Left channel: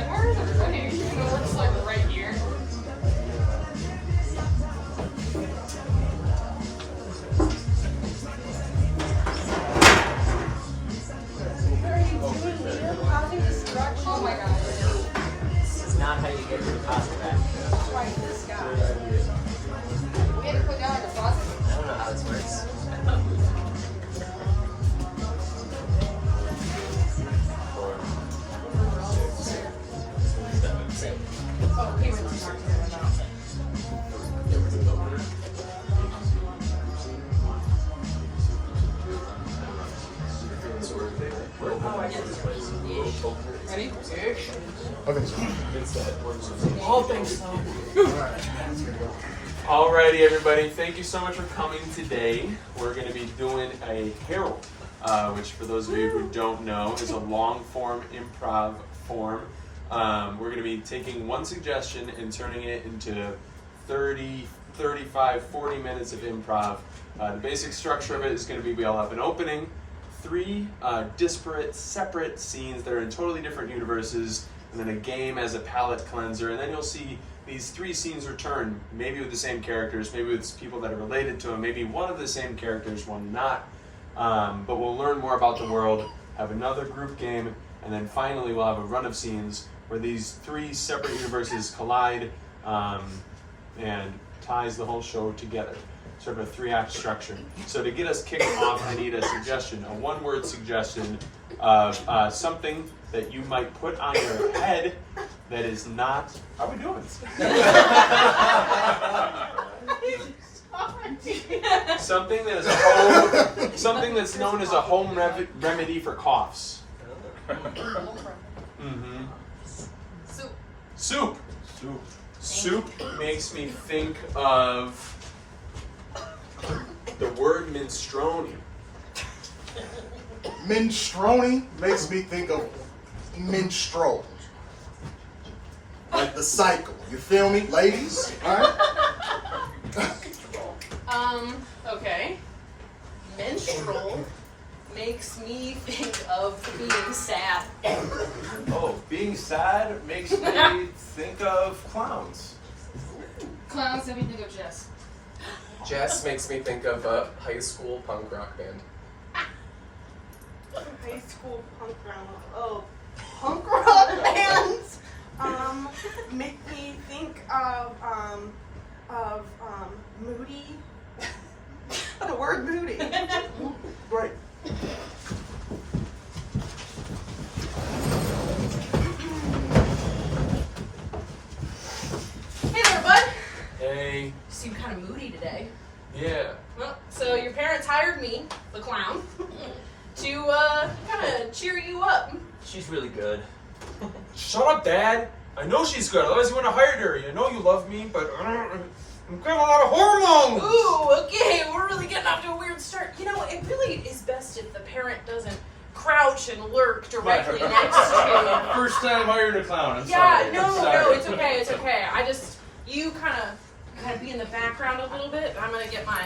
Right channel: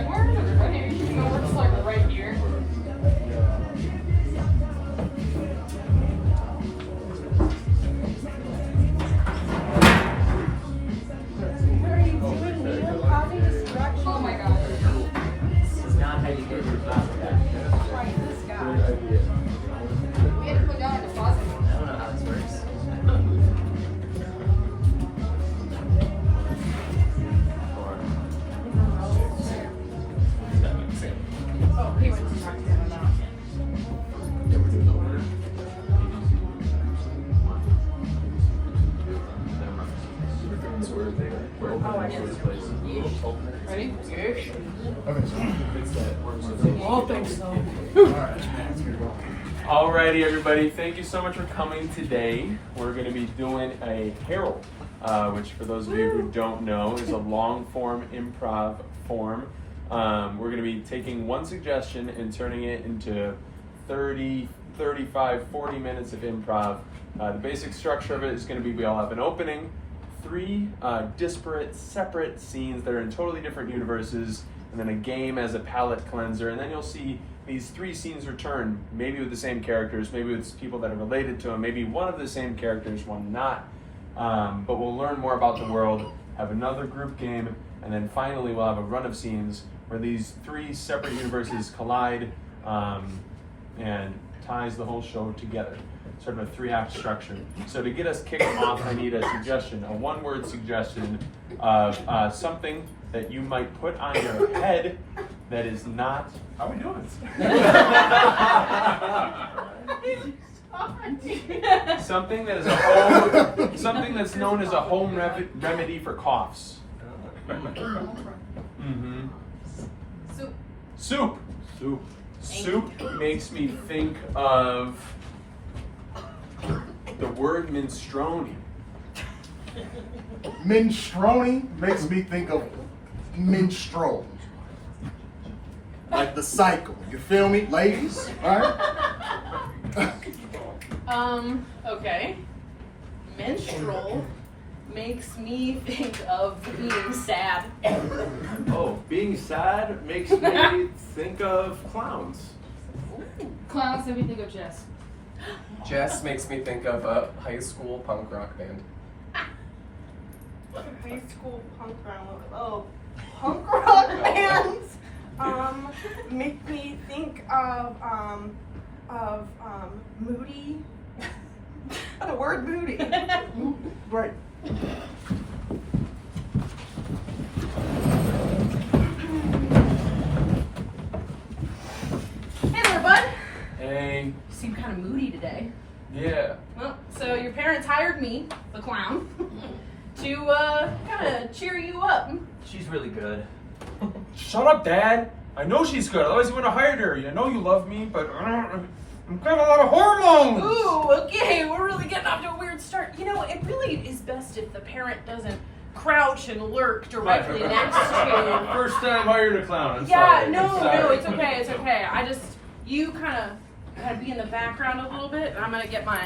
like, where is it? Okay, she works like right here. Oh my god. This is not how you get your pasta back. We had to put down a deposit. I don't know how this works. Oh, payments we talked about. Ready? Oh, thanks. Alrighty, everybody. Thank you so much for coming today. We're going to be doing a Herald, which, for those of you who don't know, is a long-form improv form. We're going to be taking one suggestion and turning it into 30, 35, 40 minutes of improv. The basic structure of it is going to be we all have an opening, 3 disparate, separate scenes that are in totally different universes, and then a game as a palate cleanser, and then you'll see these 3 scenes return, maybe with the same characters, maybe with people that are related to them, maybe one of the same characters, one not. But we'll learn more about the world, have another group game, and then finally we'll have a run of scenes where these 3 separate universes collide and ties the whole show together. Sort of a 3-act structure. So to get us kicking off, I need a suggestion, a 1-word suggestion of something that you might put on your head that is not. How are we doing? Something that is a home, something that's known as a home remedy for coughs. Mm-hmm. Soup. Soup. Soup. Soup makes me think of the word minestrone. Minestrone makes me think of minstrels. Like the cycle. You feel me, ladies? Right? Okay. Minstrel makes me think of being sad. Oh, being sad makes me think of clowns. Clowns make me think of Jess. Jess makes me think of a high school punk rock band. High school punk rock. Oh, punk rock bands. Make me think of moody. The word moody. Right. Hey there, bud. Hey. You seem kind of moody today. Yeah. Well, so your parents hired me, the clown, to kind of cheer you up. She's really good. Shut up, Dad. I know she's good. Otherwise, you wouldn't have hired her. I know you love me, but I'm getting a lot of hormones. Ooh, okay, we're really getting off to a weird start. You know, it really is best if the parent doesn't crouch and lurk directly next to. First time hiring a clown. I'm Yeah, sorry. no, I'm sorry. no, it's okay, it's okay. You kind of be in the background a little bit, and I'm gonna get my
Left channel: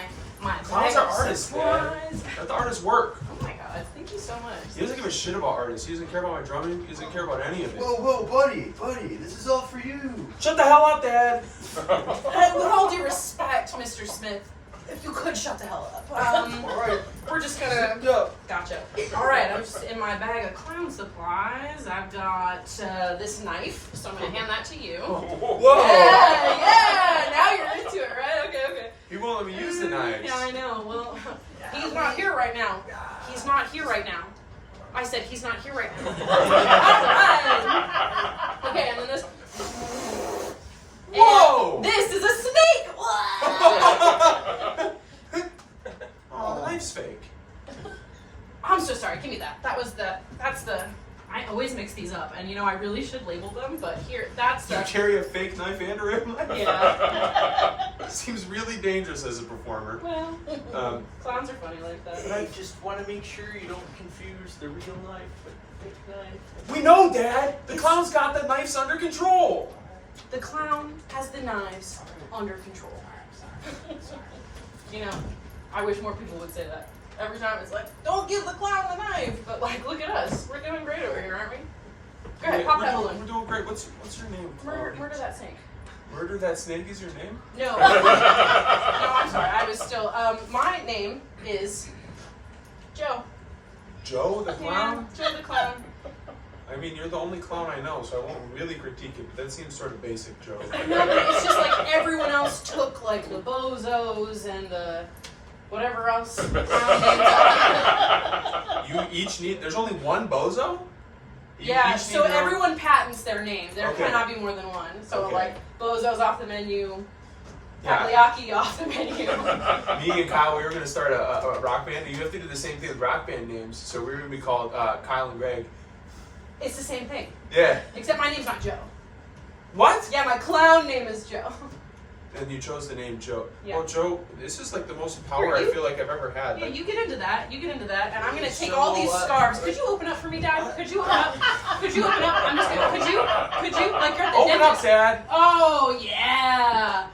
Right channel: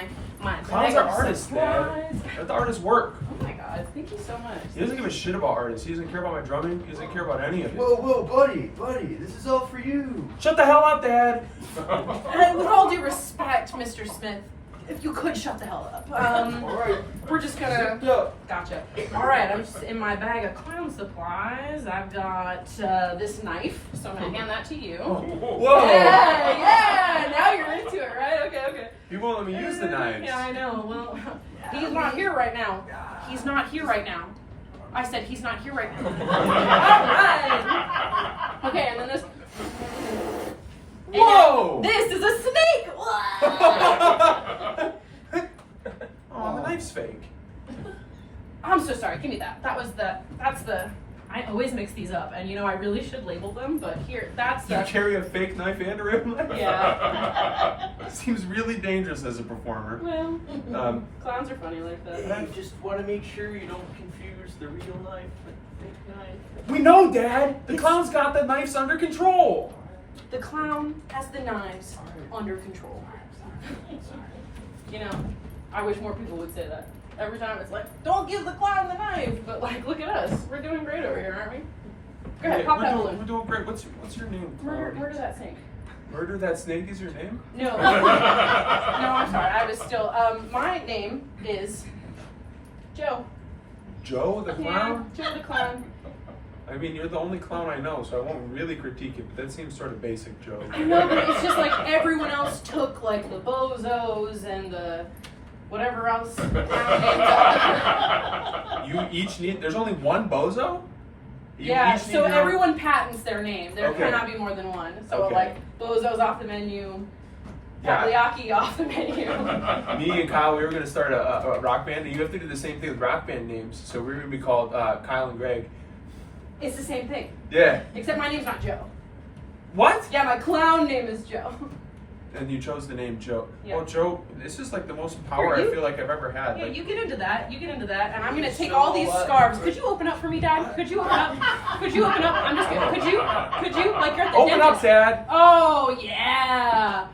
Clowns are artists, Dad. Let the artists work. Oh my god, thank you so much. He doesn't give a shit about artists. He doesn't care about my drumming. He doesn't care about any of it. Whoa, buddy, this is all for you. Shut the hell up, Dad. And with all due respect, Mr. Smith, if you could shut the hell up. All right. We're just gonna. Go. Gotcha. All right, I'm just in my bag of clown supplies. I've got this knife, so I'm gonna hand that to you. Whoa. Yeah. Now you're into it, right? Okay. He won't let me use the knives. Yeah, I know. Well, he's not here right now. He's not here right now. I said he's not here right now. All right. Okay, and then this. And Whoa! this is a snake. Oh, the knife's fake. I'm so sorry. Give me that. That's the. I always mix these up, and I really should label them, but here, that's You the. carry a fake knife and a real knife? Yeah. Seems really dangerous as a performer. Well, clowns are funny like that. I just want to make sure you don't confuse the real knife with the fake knife. We know, Dad. The clown's got the knives under control. The clown has the knives under control. I wish more people would say that. Every time it's like, don't give the clown the knife, but look at us. We're doing great over here, aren't we? Go ahead, pop that We're balloon. doing great. What's your name? Murder that snake. Murder that snake is your name? No. No, I'm sorry. I was still. My name is Joe. Joe the clown? Yeah, Joe the clown. I mean, you're the only clown I know, so I won't really critique it, but that seems sort of basic, Joe. No, but it's just like everyone else took like the bozos and the whatever else. You each need, there's only one bozo? You Yeah, each so need your own- everyone patents their name. There Okay. cannot be more than one. So Okay. like bozo's off the menu, Yeah. takoyaki off the menu. Me and Kyle, we were going to start a rock band. You have to do the same thing with rock band names, so we were going to be called Kyle and Greg. It's the same thing, Yeah. except my name's not Joe. What? Yeah, my clown name is Joe. And you chose the name Joe. Yeah. Well, Joe, this is like the most power Here, I you- feel like I've ever had. Yeah, Like, you get into that. You get into that, and I'm gonna take So all these what? scarves. Could you open up for me, Dad? Could you open up? Could you open up? I'm just gonna. Could you? Like you're at the Open up, dentist. Dad. Oh yeah.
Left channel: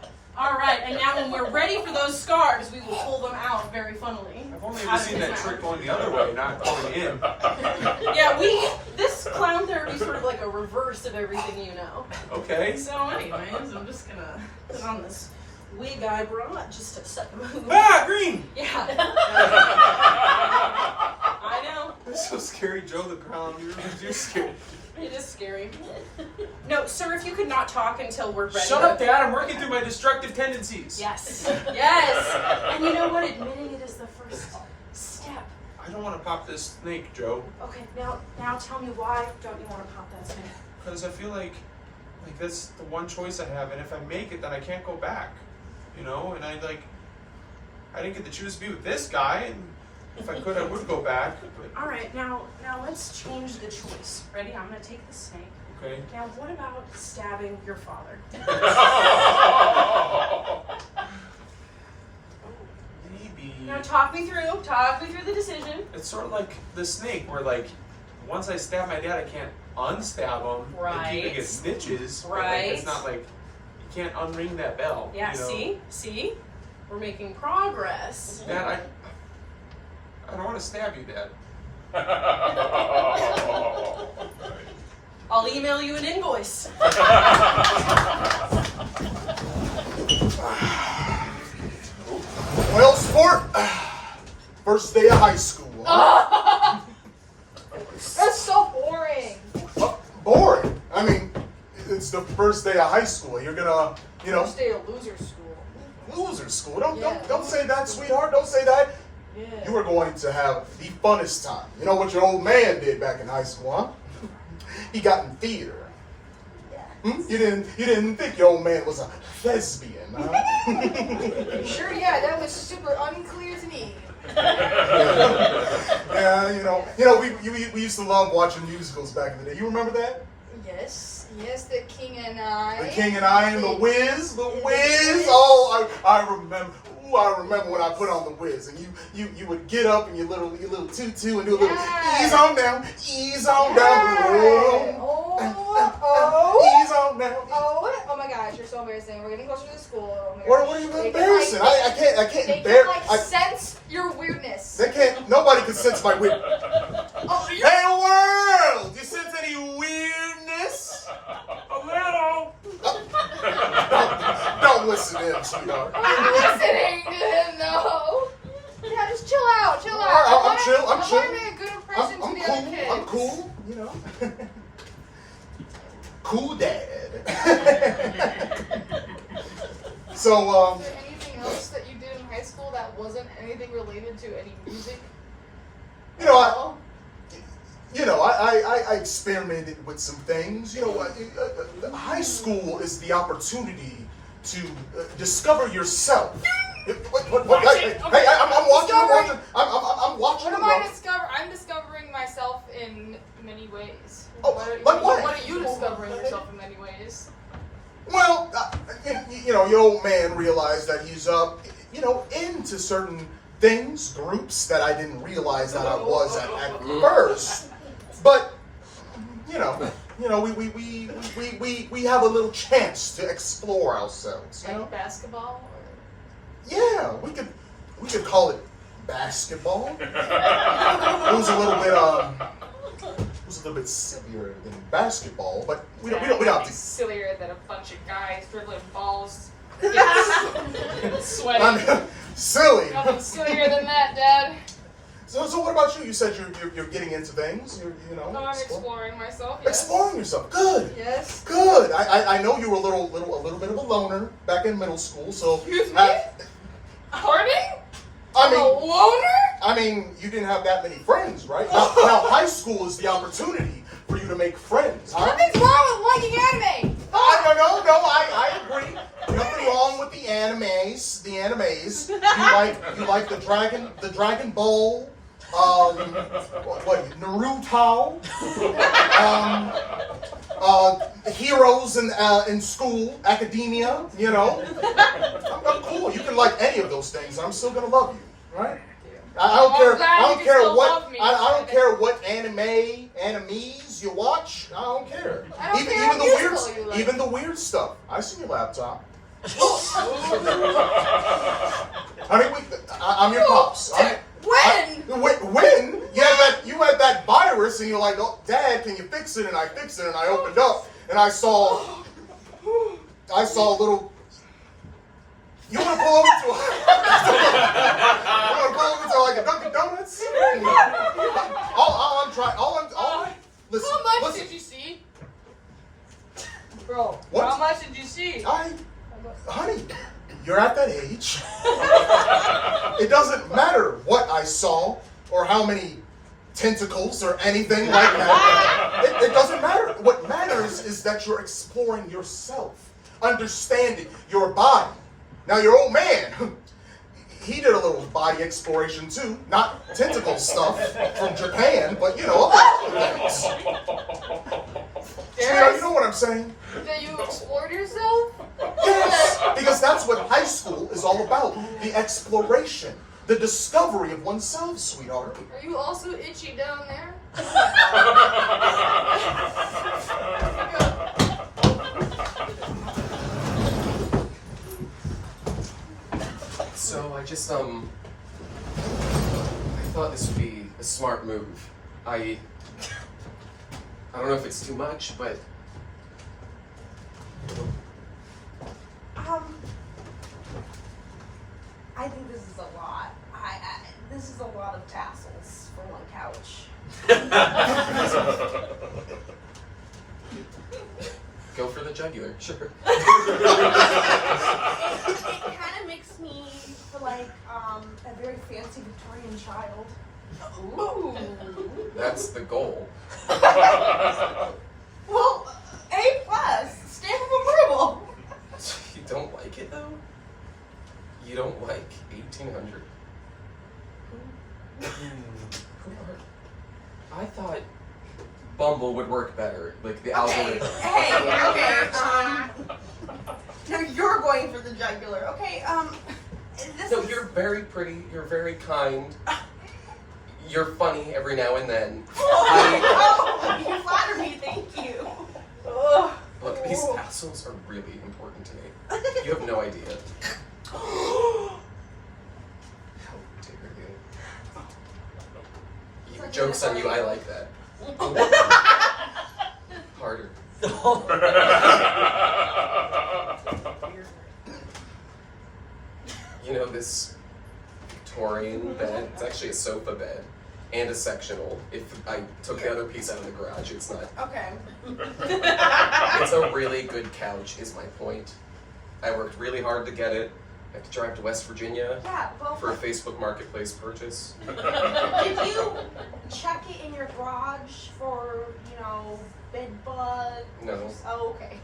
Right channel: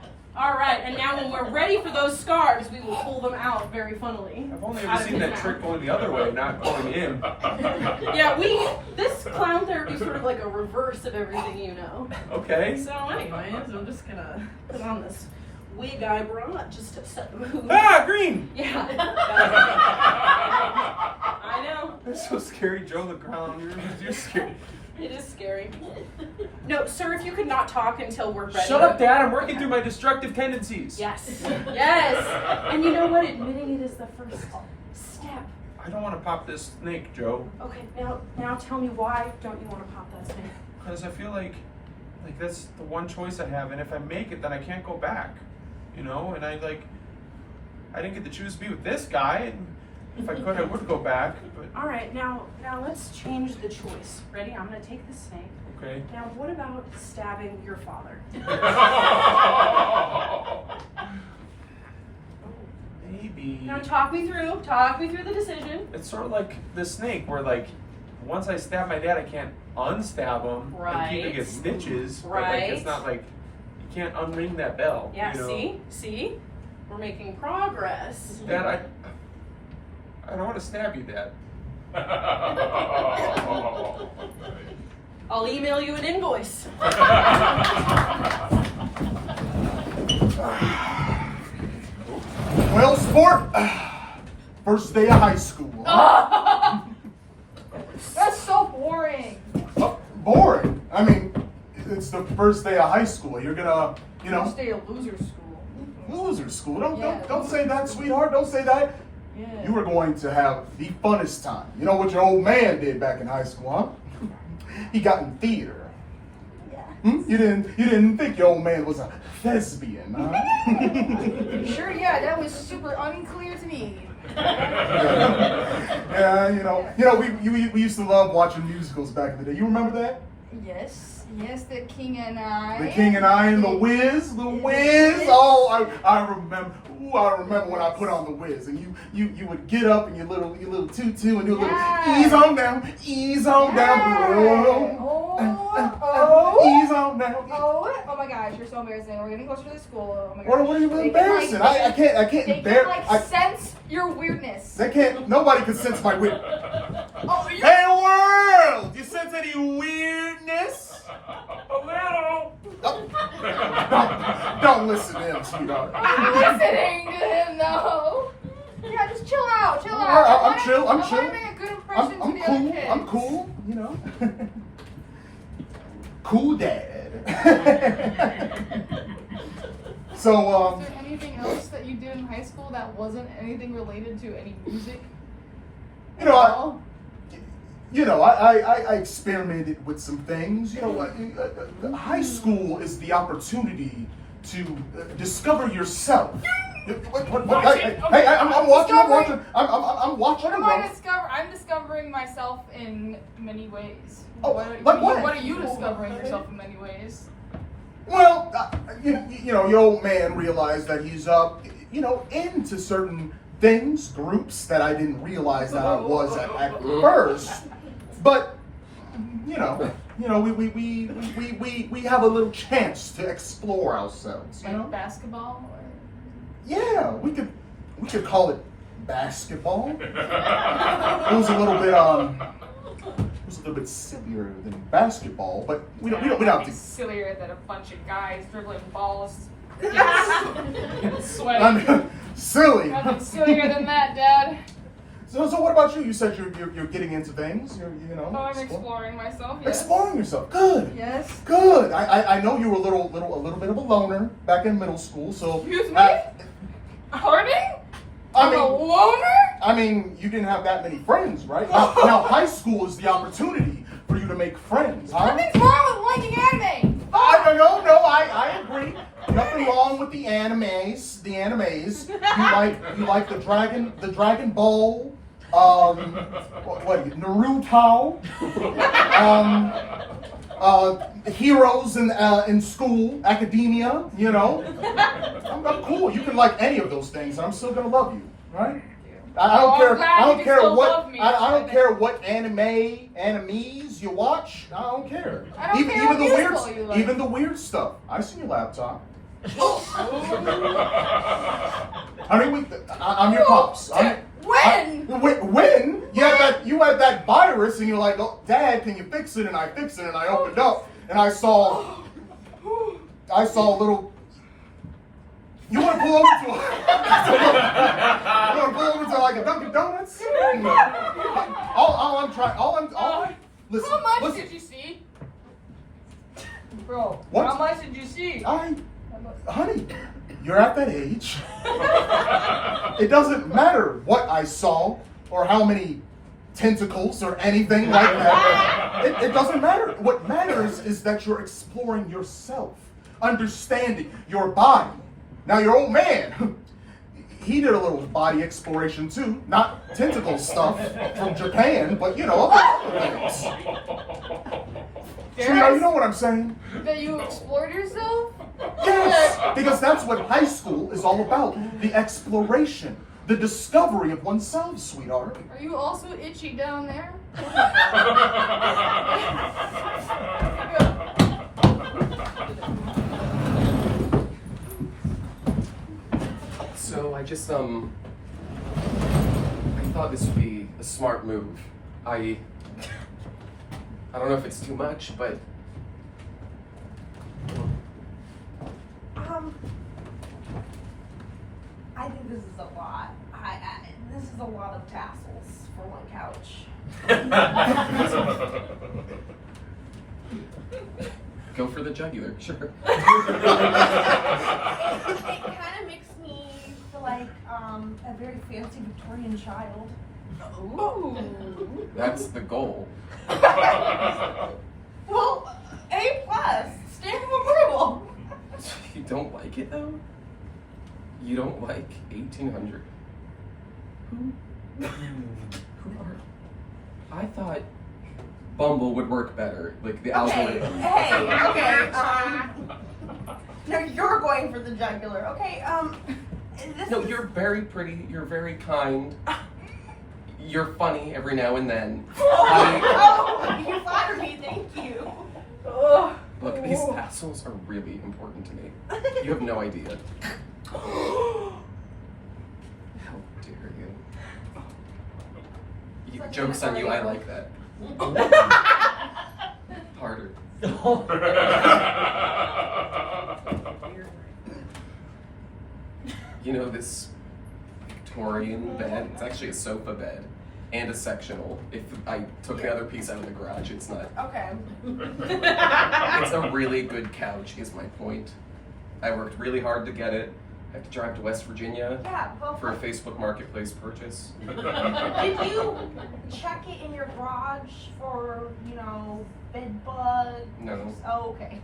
All right, and now when we're ready for those scarves, we will pull them out very funnily. I've only ever seen that trick going the other way, not going in. Yeah, this clown therapy is sort of like a reverse of everything you know. Okay. So, anyways, I'm just gonna put on this wig I brought just to set the mood. Ah, green! Yeah. I know. That's so scary, Joe the clown. You're scary. It is scary. No, sir, if you could not talk until we're ready. Shut up, Dad. I'm working through my destructive tendencies. Yes. Yes. And you know what? Admitting it is the first step. I don't want to pop this snake, Joe, Okay, now tell me why don't you want to pop that snake? because I feel like that's the one choice I have, and if I make it, then I can't go back. You know, and I didn't get to choose to be with this guy, and if I could, I would go back. But All right, now let's change the choice. Ready? I'm gonna take the snake. okay. Now, what about stabbing your father? Maybe. Now, talk me through the decision. It's sort of like the snake, where like once I stab my dad, I can't unstab him and keep Right. it get stitches. But, like, Right. it's not like you can't unring that bell. Yeah, you know? see? We're making progress. Dad, I don't want to stab you, Dad. I'll email you an invoice. Well, sport. First day of high school. That's so boring. Boring. I mean, it's the first day of high school. You're gonna, First day of loser school. loser school. Yeah. Don't say that, sweetheart. Don't say that. Yeah. You are going to have the funnest time. You know what your old man did back in high school, huh? He got in theater. Hmm? You didn't think your old man was a lesbian, huh? Sure, yeah, that was super unclear to me. Yeah, we used to love watching musicals back in the day. You remember that? Yes, The King and I. The King and I and the Wiz. Oh, I remember. Ooh, I remember when I put on the Wiz, and you would get up in your little tutu and do a little ease on down, ease on down, ease on down. Oh my gosh, you're so embarrassing. We're gonna go through the school. Oh my What gosh. are you They embarrassing? can, like, I can't They bear. can like sense your weirdness. They can't. Nobody can sense my weird. Oh, Hey world, you sense any weirdness? A little. Don't listen to him, sweetheart. I'm listening to him though. Yeah, just chill out, chill out. I'm chill. I wanna make a good impression to I'm the other cool. kids. I'm cool. You know. Cool dad. So Is there anything else that you did in high school that wasn't anything related to any music? I experimented with some things. You know what? High school is the opportunity to discover yourself. What? Hey, I'm watching. I'm watching. What am I discovering? I'm discovering myself in many ways. Oh, What what? are you discovering yourself in many ways? Well, your old man realized that he's into certain things, groups that I didn't realize that I was at first. But we have a little chance to explore ourselves. You know? Like basketball? Or... Yeah, we could basketball. It was a little a little bit sillier than basketball, but we don't have to. Sillier than a bunch of guys dribbling balls. Sweaty. I mean, silly. Nothing sillier than that, Dad. So what about you? You said you're getting into things. You know. Oh, I'm exploring myself. Yes. Exploring yourself. Good. Yes. Good. I know you were a little bit of a loner back in middle school, so. Excuse me? Pardon? I'm a loner? I mean, you didn't have that many friends, right? Now, high school is the opportunity for you to make friends, huh? Nothing's wrong with liking anime. I agree. Nothing wrong with the animes. You like the Dragon Ball, what Naruto, heroes in school, academia. You know, I'm cool. You can like any of those things, and I'm still gonna love you, right? I don't care. I don't care what animes you watch. I don't care. I don't Even care even the what weird, musical you like. even the weird stuff. I see your laptop. Honey, I'm your pops. When? When you had that virus and you're like, oh, Dad, can you fix it? And I fixed it and I opened up and I saw a little. You want to pull over to like a Dunkin' Donuts? Listen. How much Listen. did you see? Bro, What? how much did you see? Honey, you're at that age. It doesn't matter what I saw or how many tentacles or anything like that. It doesn't matter. What matters is that you're exploring yourself, understanding your body. Now, your old man, he did a little body exploration too. Not tentacle stuff from Japan, but you know, other things. Sweetheart, you know what I'm saying? That you explored yourself? Yes, because that's what high school is all about. The exploration, the discovery of oneself, sweetheart. Are you also itchy down there? So I just I thought this would be a smart move. I don't know if it's too much, but I think this is a lot. This is a lot of tassels for one couch. go for the jugular, sure. It kind of makes me feel like a very fancy Victorian child. Ooh. That's the goal. Well, A+, stamp of approval. You don't like it though? You don't like 1800? Who are? I thought Bumble would work better, like the algorithm. Okay. No, you're going for the jugular. Okay. No, you're very pretty. You're very kind. You're funny every now and then. Oh, you flatter me. Thank you. Ugh. Look, these tassels are really important to me. You have no idea. How dare you? Joke's on you, I like that. Harder. You know, this Victorian bed, it's actually a sofa bed and a sectional. If I took the other piece out of the garage, it's not. Okay. It's a really good couch, is my point. I worked really hard to get it. I had to drive to West Virginia Yeah, well, for a Facebook Marketplace purchase. did you check it in your garage for, bed bugs? No. Oh, okay.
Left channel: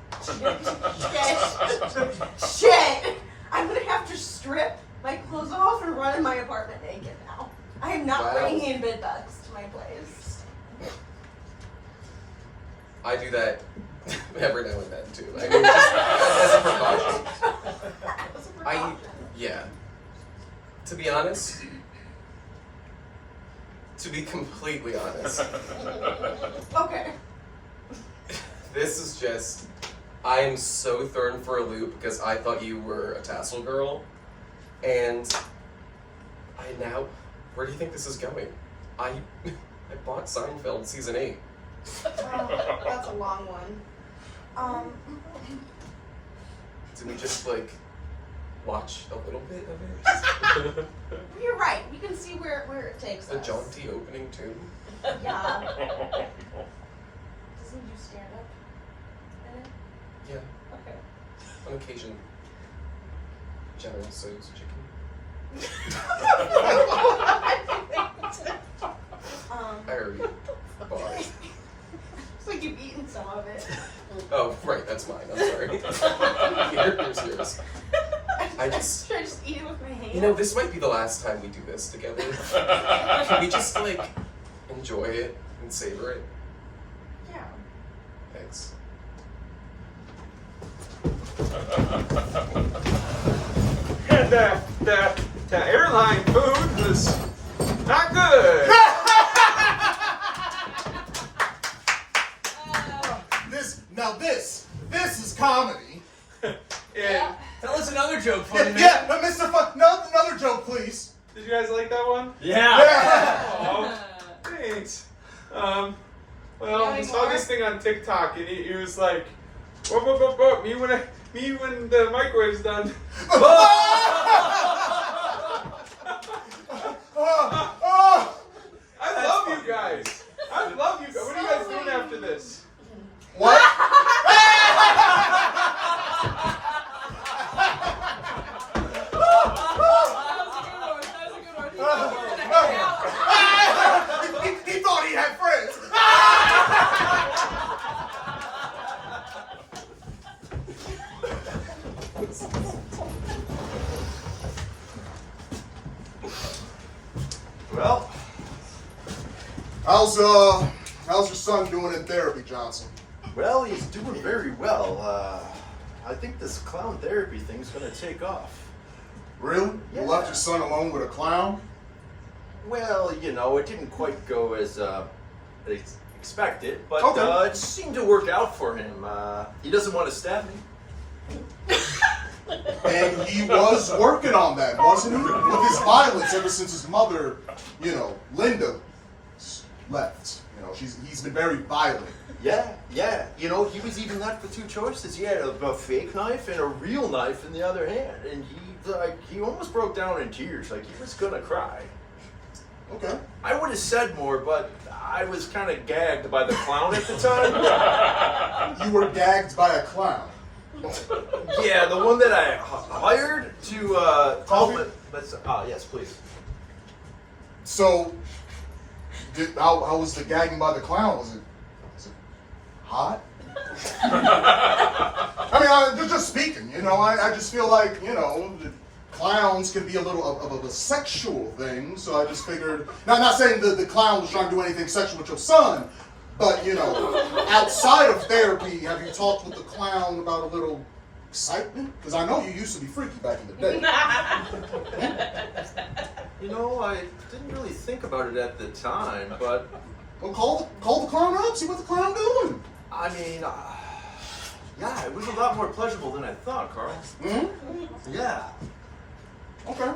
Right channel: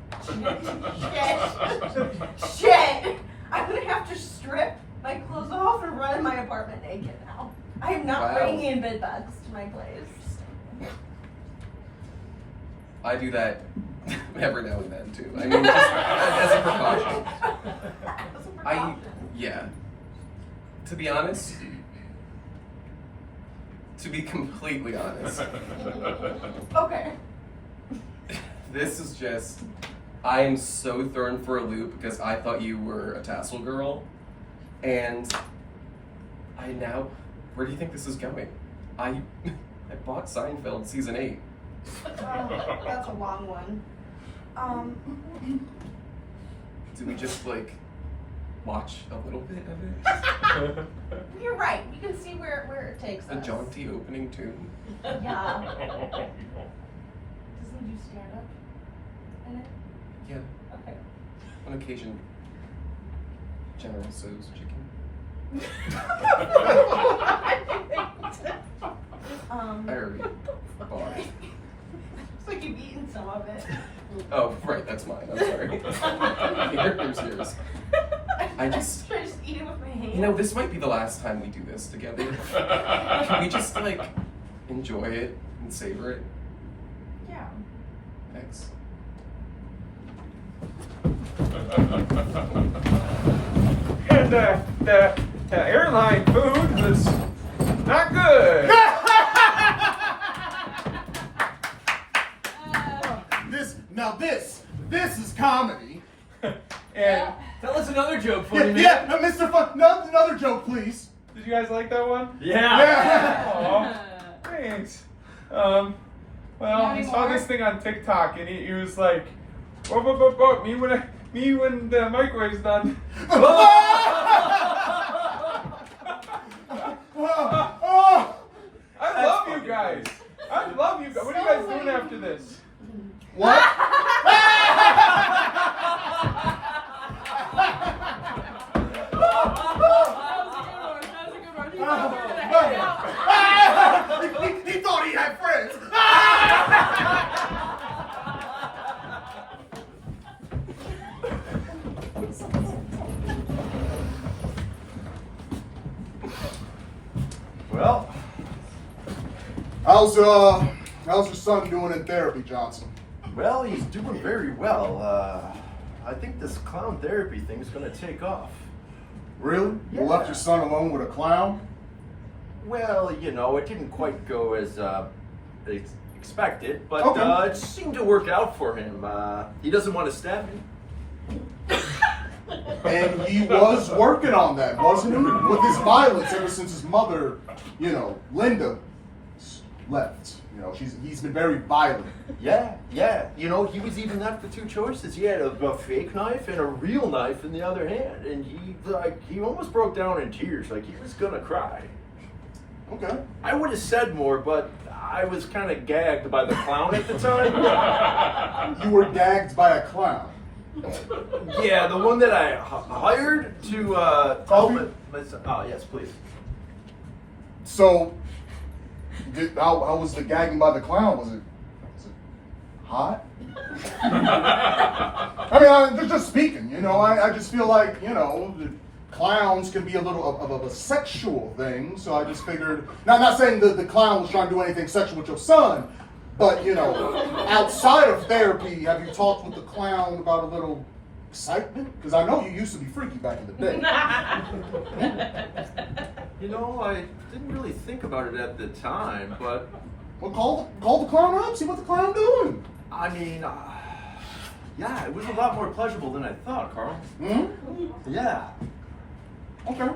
Shit! I'm gonna have to strip my clothes off and run in my apartment naked now. I am not Wow. bringing in bed bugs to my place. I do that every now and then too. I mean, just as a precaution. Yeah. To be honest, to be completely honest, Okay. this is just, I am so thrown for a loop because I thought you were a tassel girl, and where do you think this is going? I bought Seinfeld season 8. That's a long one. Did we just like watch a little bit of it? You're right. You can see where it takes A us. jaunty opening tune. Yeah. Doesn't you stand up? in it? Yeah, Okay. on occasion. General So's chicken. I already bought it. It's like you've eaten some of it. Oh, right, that's mine. I'm sorry. Here's yours. I just, Should I just eat it with my hand? you know, this might be the last time we do this together. Can we just like enjoy it and savor it? Yeah. Thanks. And the airline food was not good. This is comedy. Yeah. Tell us another joke, Yeah, funny man. yeah, Mr. Another joke, please. Did you guys like that one? Yeah. Oh, thanks. Well, I saw this thing on TikTok, and he was like, "Whoa, me when the microwave's done." I love you guys. I love you guys. What are you guys doing after this? What? He thought he had friends. Well, How's your son doing in therapy, Johnson? well, he's doing very well. I think this clown therapy thing's gonna take off. Really? You left your son alone with a clown? Well, you know, it didn't quite go as expected, but Okay. it seemed to work out for him. He doesn't want to stab me. And he was working on that, wasn't he? With his violence ever since his mother, Linda, left. He's been very violent. Yeah. You know, he was even left with two choices. He had a fake knife and a real knife in the other hand, and he almost broke down in tears, like he was gonna cry. Okay. I would have said more, but I was kind of gagged by the clown at the time. You were gagged by a clown. Yeah, the one that I hired to Call help me? it. Yes, please. So, how was the gagging by the clown? Was it hot? I mean, just speaking, I just feel like, the clowns can be a little of a sexual thing, so I just figured, now I'm not saying that the clown was trying to do anything sexual with your son, but, outside of therapy, have you talked with the clown about a little excitement? Because I know you used to be freaky back in the day. You know, I didn't really think about it at the time, but Well, call the clown up, see what the clown doing. I mean, yeah, it was a lot more pleasurable than I thought, Carl. Hmm? Yeah. Okay.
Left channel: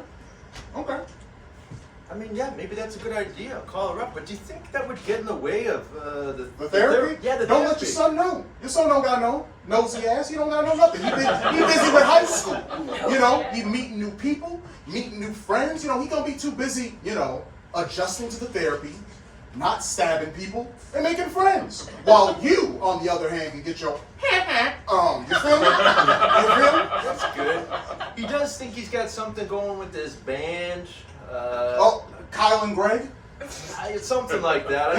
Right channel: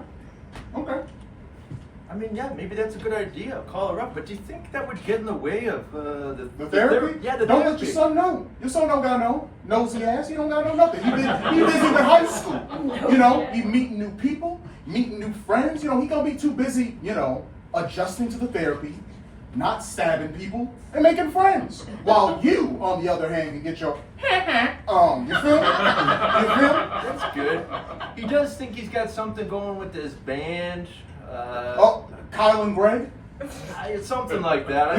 I mean, yeah, maybe that's a good idea. Call her up, but do you think that would get in the way of The therapy? Yeah, the Don't therapy. let your son know. Your son don't gotta know. Nosy ass, he don't gotta know nothing. He busy with high school. He meeting new people, meeting new friends. He gonna be too busy, adjusting to the therapy, not stabbing people, and making friends. While you, on the other hand, can get your you feel me? You feel me? That's good. He does think he's got something going with his band. Oh, Kyle and Greg? Something like that.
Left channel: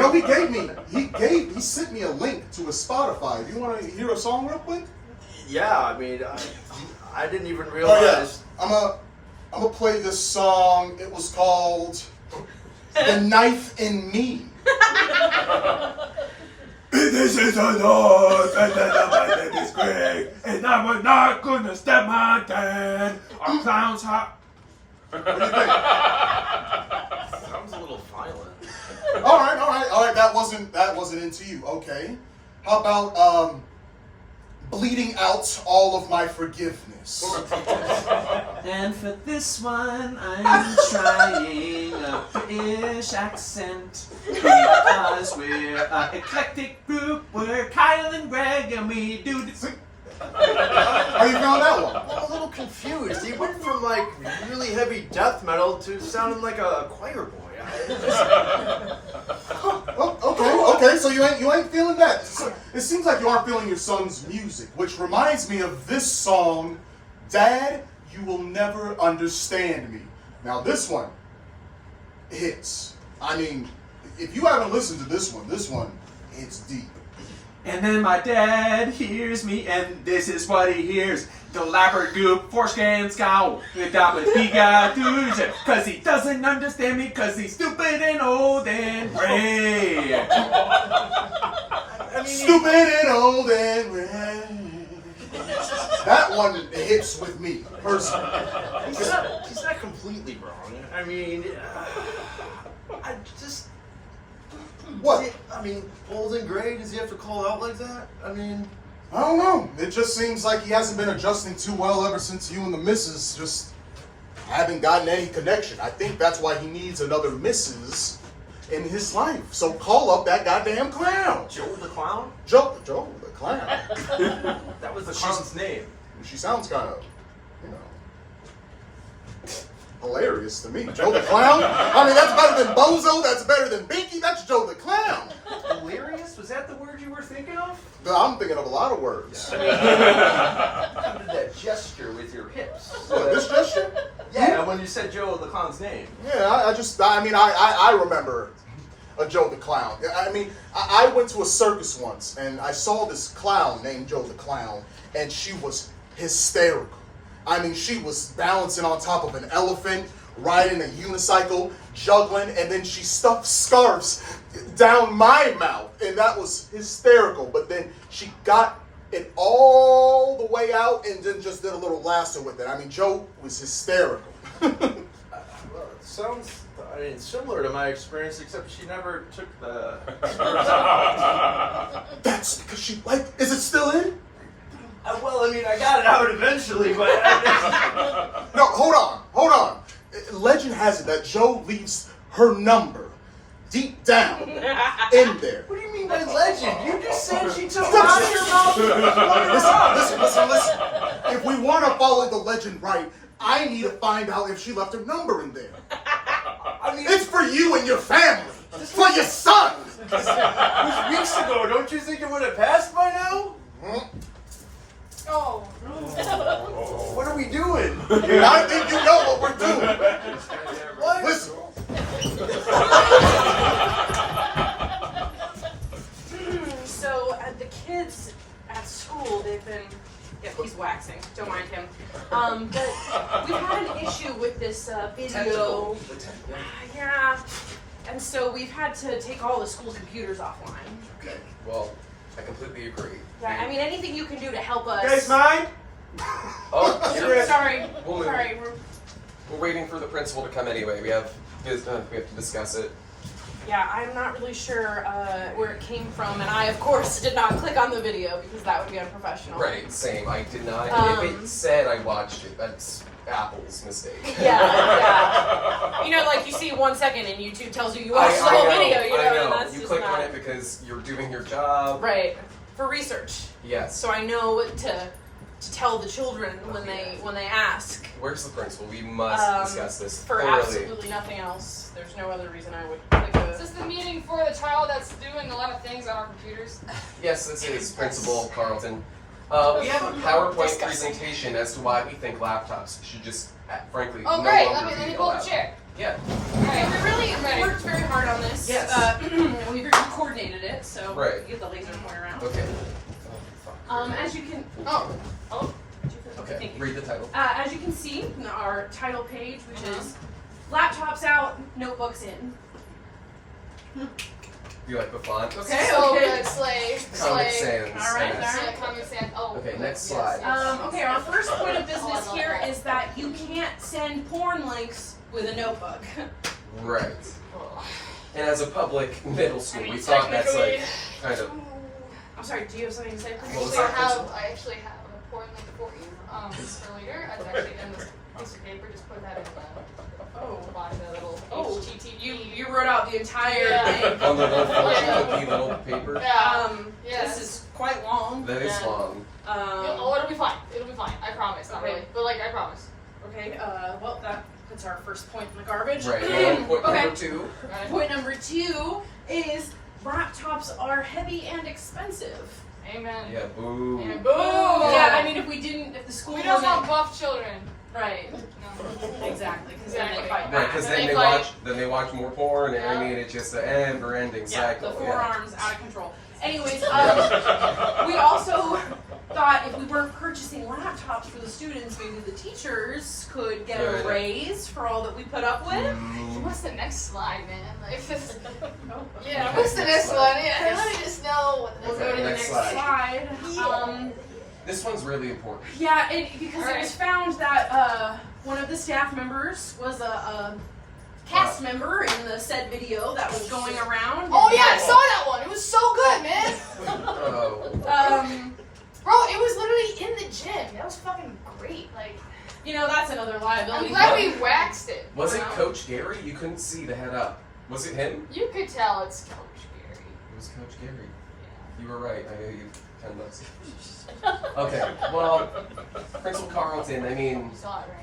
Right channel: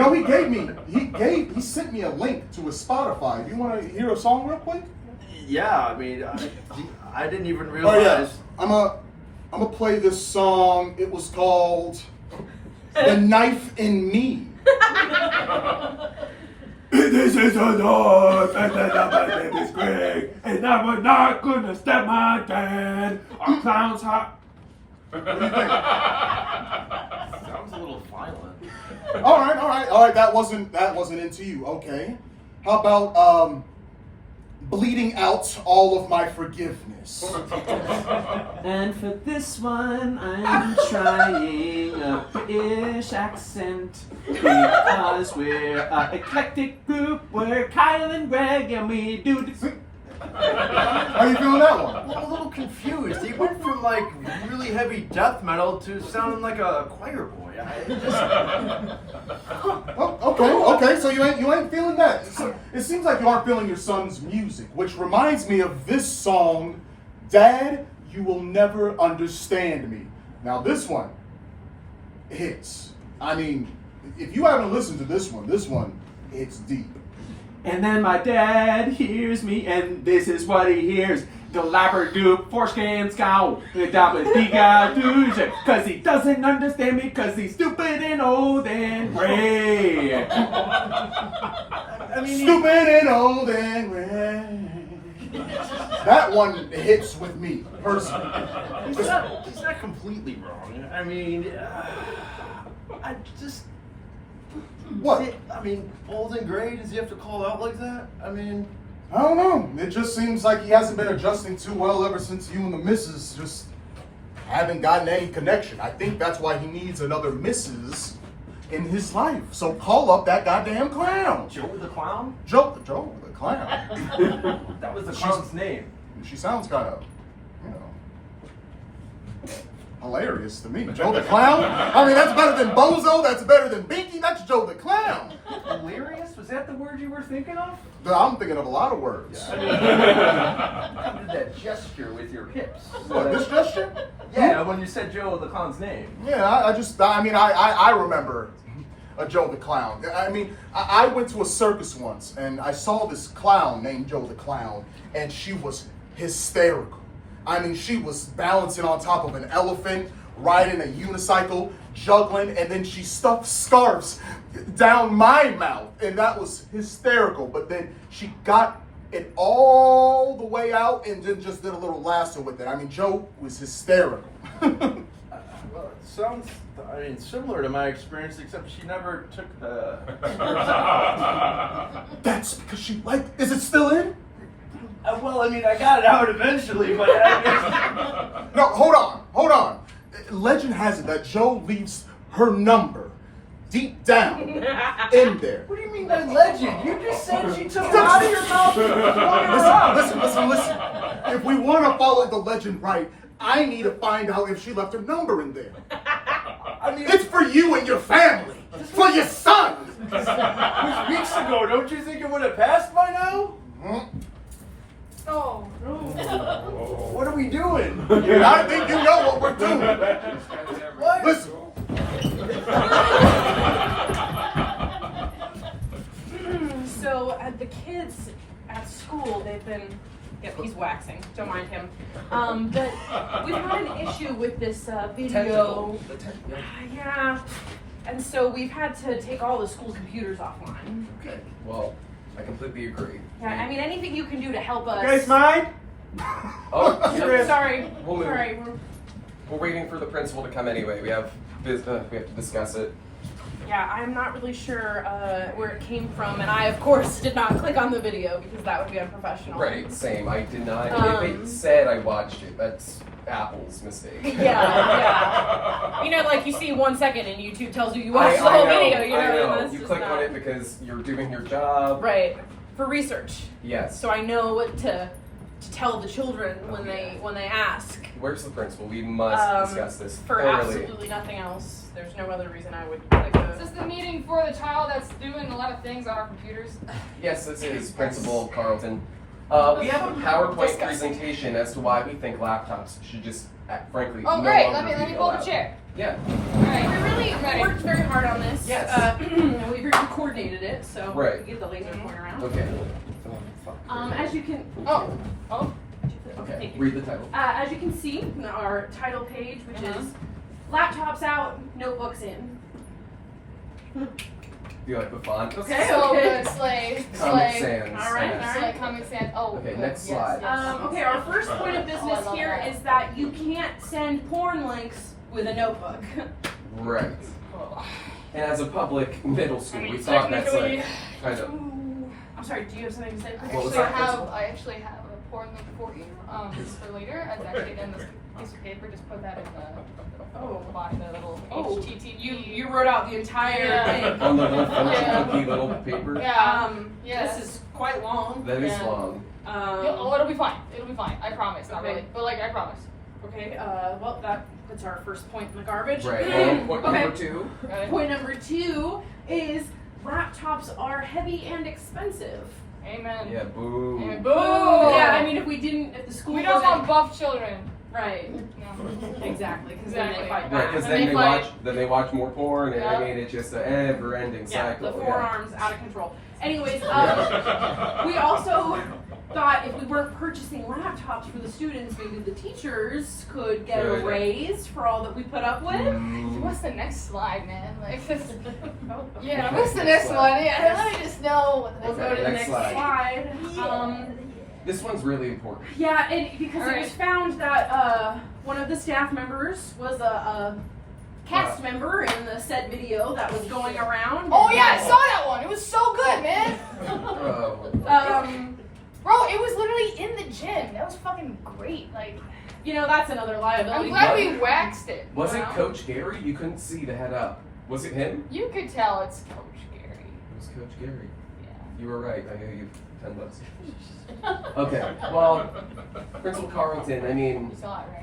He sent me a link to his Spotify. You wanna hear a song real quick? Yeah, I mean, I didn't even Oh realize. yeah, I'm gonna play this song. It was called "The Knife in Me." This is a knife, and my name is Greg, and I'm not gonna stab my dad. Our clown's hot. What do you think? Sounds a little violent. All right. That wasn't into you. Okay. How about bleeding out all of my forgiveness. And for this one, I'm trying a British accent because we're an eclectic group. We're Kyle and Greg, and we do this. How you feeling that one? I'm a little confused. He went from like really heavy death metal to sounding like a choir boy. Oh, okay. So you ain't feeling that. So it seems like you aren't feeling your son's music, which reminds me of this song, "Dad, You Will Never Understand Me." Now this one hits. I mean, if you haven't listened to this one hits deep. And then my dad hears me, and this is what he hears. The labberdoop, foreskin scowl, cause he doesn't understand me, cause he's stupid and old and gray. I mean, Stupid and old and red. That one hits with me, personally. he's not completely wrong. I mean, I just. What? I mean, old and gray, does he have to call out like that? I mean. I don't know. It just seems like he hasn't been adjusting too well ever since you and the missus just haven't gotten any connection. I think that's why he needs another missus in his life. So call up that goddamn clown. Joe the Clown? Joe the clown. That was the clown's name. She sounds kind of, hilarious to me. Joe the clown? I mean, that's better than Bozo. That's better than Binky. That's Joe the clown. Hilarious? Was that the word you were thinking of? No, I'm thinking of a lot of words. I mean, how did that gesture with your hips? What, this gesture? Yeah, when you said Joe the Clown's name. Yeah, I remember a Joe the Clown. I mean, I went to a circus once, and I saw this clown named Joe the Clown, and she was hysterical. I mean, she was balancing on top of an elephant, riding a unicycle, juggling, and then she stuffed scarves down my mouth, and that was hysterical. But then she got it all the way out and then just did a little lasso with it. I mean, Joe was hysterical. Sounds, similar to my experience, except she never took the. That's because she is it still in? Well, I mean, I got it out eventually, but. No, hold on. Legend has it that Joe leaves her number deep down in there. What do you mean by legend? You just said she took it out of your mouth. Listen. If we want to follow the legend right, I need to find out if she left her number in there. I mean, It's for you and your family. It's for your son. it was weeks ago. Don't you think it would have passed by now? Oh. What are we doing? I think you know what we're doing. What? Listen. So the kids at school, they've been. Yeah, he's waxing. Don't mind him. But we've had an issue with this video. Yeah. And so we've had to take all the school computers offline. Okay. Well, I completely agree. Yeah, I mean, anything you can do to help us. Guys, mine? Oh, So, sorry. Well, Sorry. we're waiting for the principal to come anyway. We have to discuss it. Yeah, I'm not really sure where it came from, and I, of course, did not click on the video because that would be unprofessional. Right, same. I did not. If it said I watched it, that's Apple's mistake. Yeah. You know, like you see 1 second and YouTube tells you watched the whole video. You know, I know. and that's You just click not... on it because you're doing your job. Right. For research. Yes. So I know what to tell the children when they ask. Where's the principal? We must discuss this For thoroughly. absolutely nothing else. There's no other reason I would click on Is this the meeting for the child that's doing a lot of things on our computers? Yes, this is Principal Carlton. We have a PowerPoint presentation as to why we think laptops should just, frankly, Oh, no great. longer Let be me pull up allowed. a chair. Yeah. Alright. We really worked very hard on this. Yes. We really coordinated it, so Right. get the laser pointer around. Okay. As you can. Oh. Okay. Read the title. As you can see, our title page, which is "Laptops Out, Notebooks In." Do you like the font? Okay. So good. Slay. Comic Slay. Sans. All right, Yes. Slay. Comic Sans. Oh. Okay, next yes, slide. yes. Okay, our first point of business here is that you can't send porn links with a notebook. Right. And as a public middle school, we thought that's like kind of. I'm sorry, do you have something to say? What was I that? actually have an appointment for you. For later. I'm actually in this piece of paper. Just put that in the bottom of the little HTTP. You wrote out the entire Yeah. thing. On the little fortune Yeah. cookie little paper. Yeah. This is quite long. That is and, long. Oh, it'll be fine. It'll be fine. I promise. Not Okay. really, but like I promise. Okay, well that puts our first point in the garbage. Right. Point Okay. number 2. Right? Point number 2 is laptops are heavy and expensive. Amen. Yeah. Boo. And Boom! boom! Yeah, I mean if the school We don't want wasn't buff children. right. No. Exactly, because then they Exactly. fight Right, back. because And then they they fight. watch more porn, and Yeah. I mean it's just an ever-ending Yeah, cycle. the Yeah. forearms out of control. Anyways, we also thought if we weren't purchasing laptops for the students, maybe the teachers could get a Good. raise for all that we put up with. What's the next slide, man? Like, just, Oh, yeah, what's the next one? Yeah, let me just know what the We'll next go to the Next next slide. slide. This one's really important. Yeah, and because it Alright. was found that one of the staff members was a cast member in the said video that was going around. Oh yeah, I saw that one. It was so good, man. Oh. Bro, it was literally in the gym. That was fucking great. Like, You know, that's another I'm liability. glad we waxed it. Was it Coach Gary? You couldn't see the head up. Was it him? You could tell it's Coach Gary. It was Coach Gary. Yeah. You were right. I know you 10 bucks. Okay. Well, Principal Carlton. I mean, You saw it, right?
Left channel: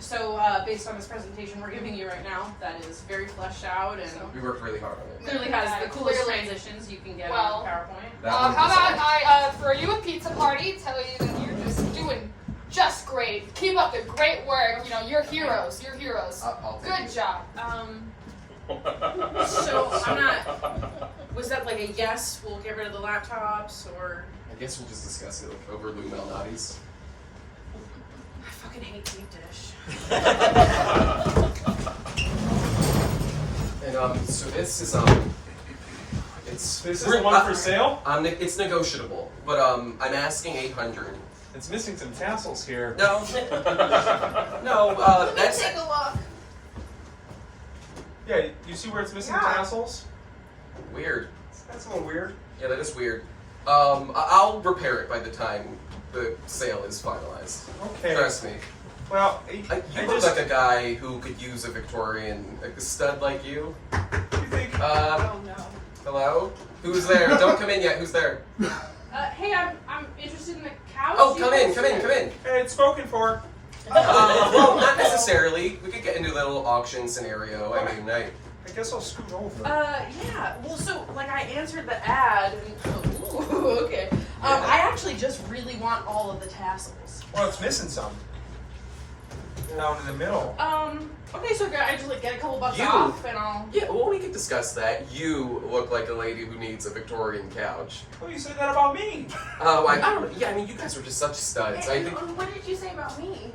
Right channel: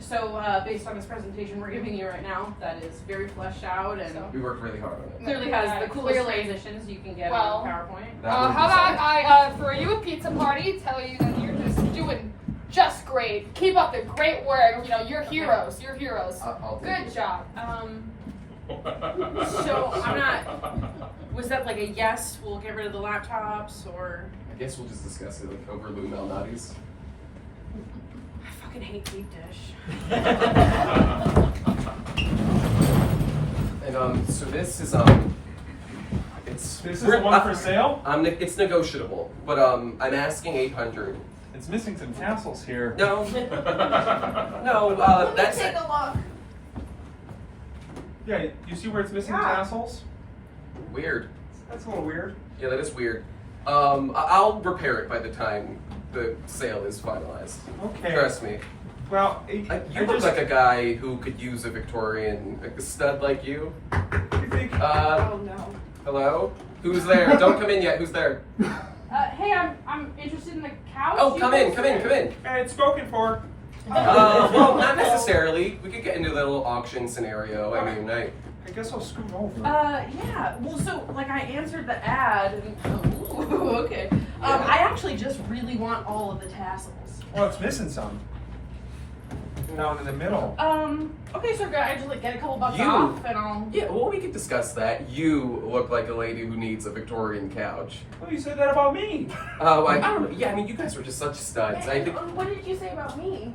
So, based on this presentation we're giving you right now, that is very fleshed out and we worked really hard on it. clearly has the coolest Clearly. transitions you can get Well, on PowerPoint. That would be How about solid. I throw you a pizza party, tell you that you're just doing just great. Keep up the great work. You know, you're heroes. You're heroes. I'll take Good it. job. So I'm not. Was that like a yes? We'll get rid of the laptops, or I guess we'll just discuss it over Lou Malnati's. I fucking hate deep dish. And so this is it's This is the one for sale? It's negotiable, but I'm asking 800. It's missing some tassels here. No, no, that's Take a look. Yeah, you see where it's missing tassels? weird. That's a little weird. Yeah, that is weird. I'll repair it by the time the sale is finalized. Okay. Trust me. Well, You I look just like a guy who could use a Victorian, like a stud like you. you think. Oh no. Hello? Who's there? Don't come in yet. Who's there? Hey, I'm interested in the couch. Oh, You come guys in, come in, come in. Hey, it's spoken for. Well, not necessarily. We could get into a little auction scenario. I mean, I guess I'll scoot over. Yeah. Well, so like I answered the ad. And, ooh, okay. I actually just really want all of the tassels. Well, it's missing some. Down in the middle. Okay, so I just like get a couple bucks You- off, and I'll. yeah, well, we could discuss that. You look like a lady who needs a Victorian couch. Oh, you said that about me. Oh, I don't know. Yeah, I mean, you guys were just such studs. I think What did you say about me?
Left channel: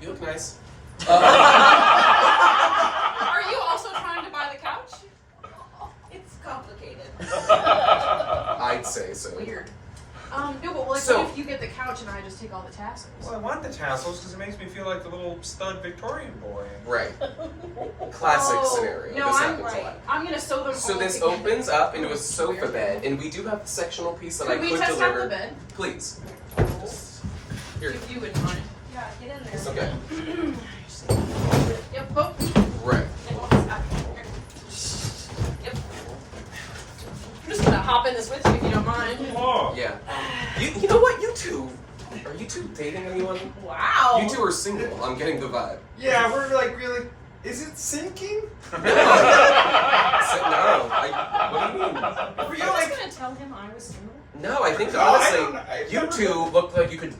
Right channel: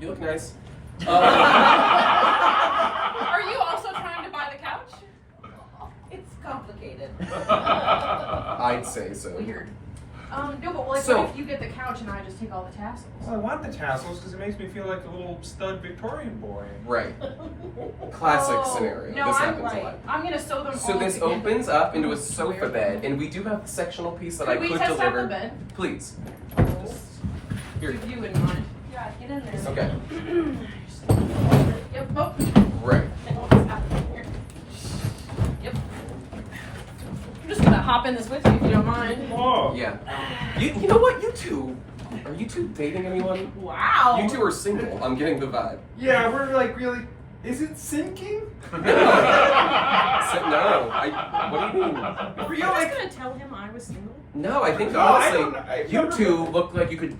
you look nice. Are you also trying to buy the couch? It's complicated. I'd say so. Weird. No, but like, So- what if you get the couch and I just take all the tassels? Well, I want the tassels because it makes me feel like the little stud Victorian boy. Right. Classic Oh, scenario. No, This I'm happens a right. lot. I'm gonna sew them So all this together. opens up into a sofa bed, and we do have the sectional piece that I Can we could test out deliver. the bed? Please. Here. If you wouldn't mind. Yeah, get in there. It's okay. Yep. Oh. Right. Yep. I'm just gonna hop in this with you if you don't mind. Whoa. Yeah. You know what? You two. Are you two dating anyone? Wow. You two are single. I'm getting the vibe. Yeah, we're like really. Is it sinking? No. What do you mean? Were you I was like? gonna tell him I was single. No, I think No, I honestly, don't- you two look like you could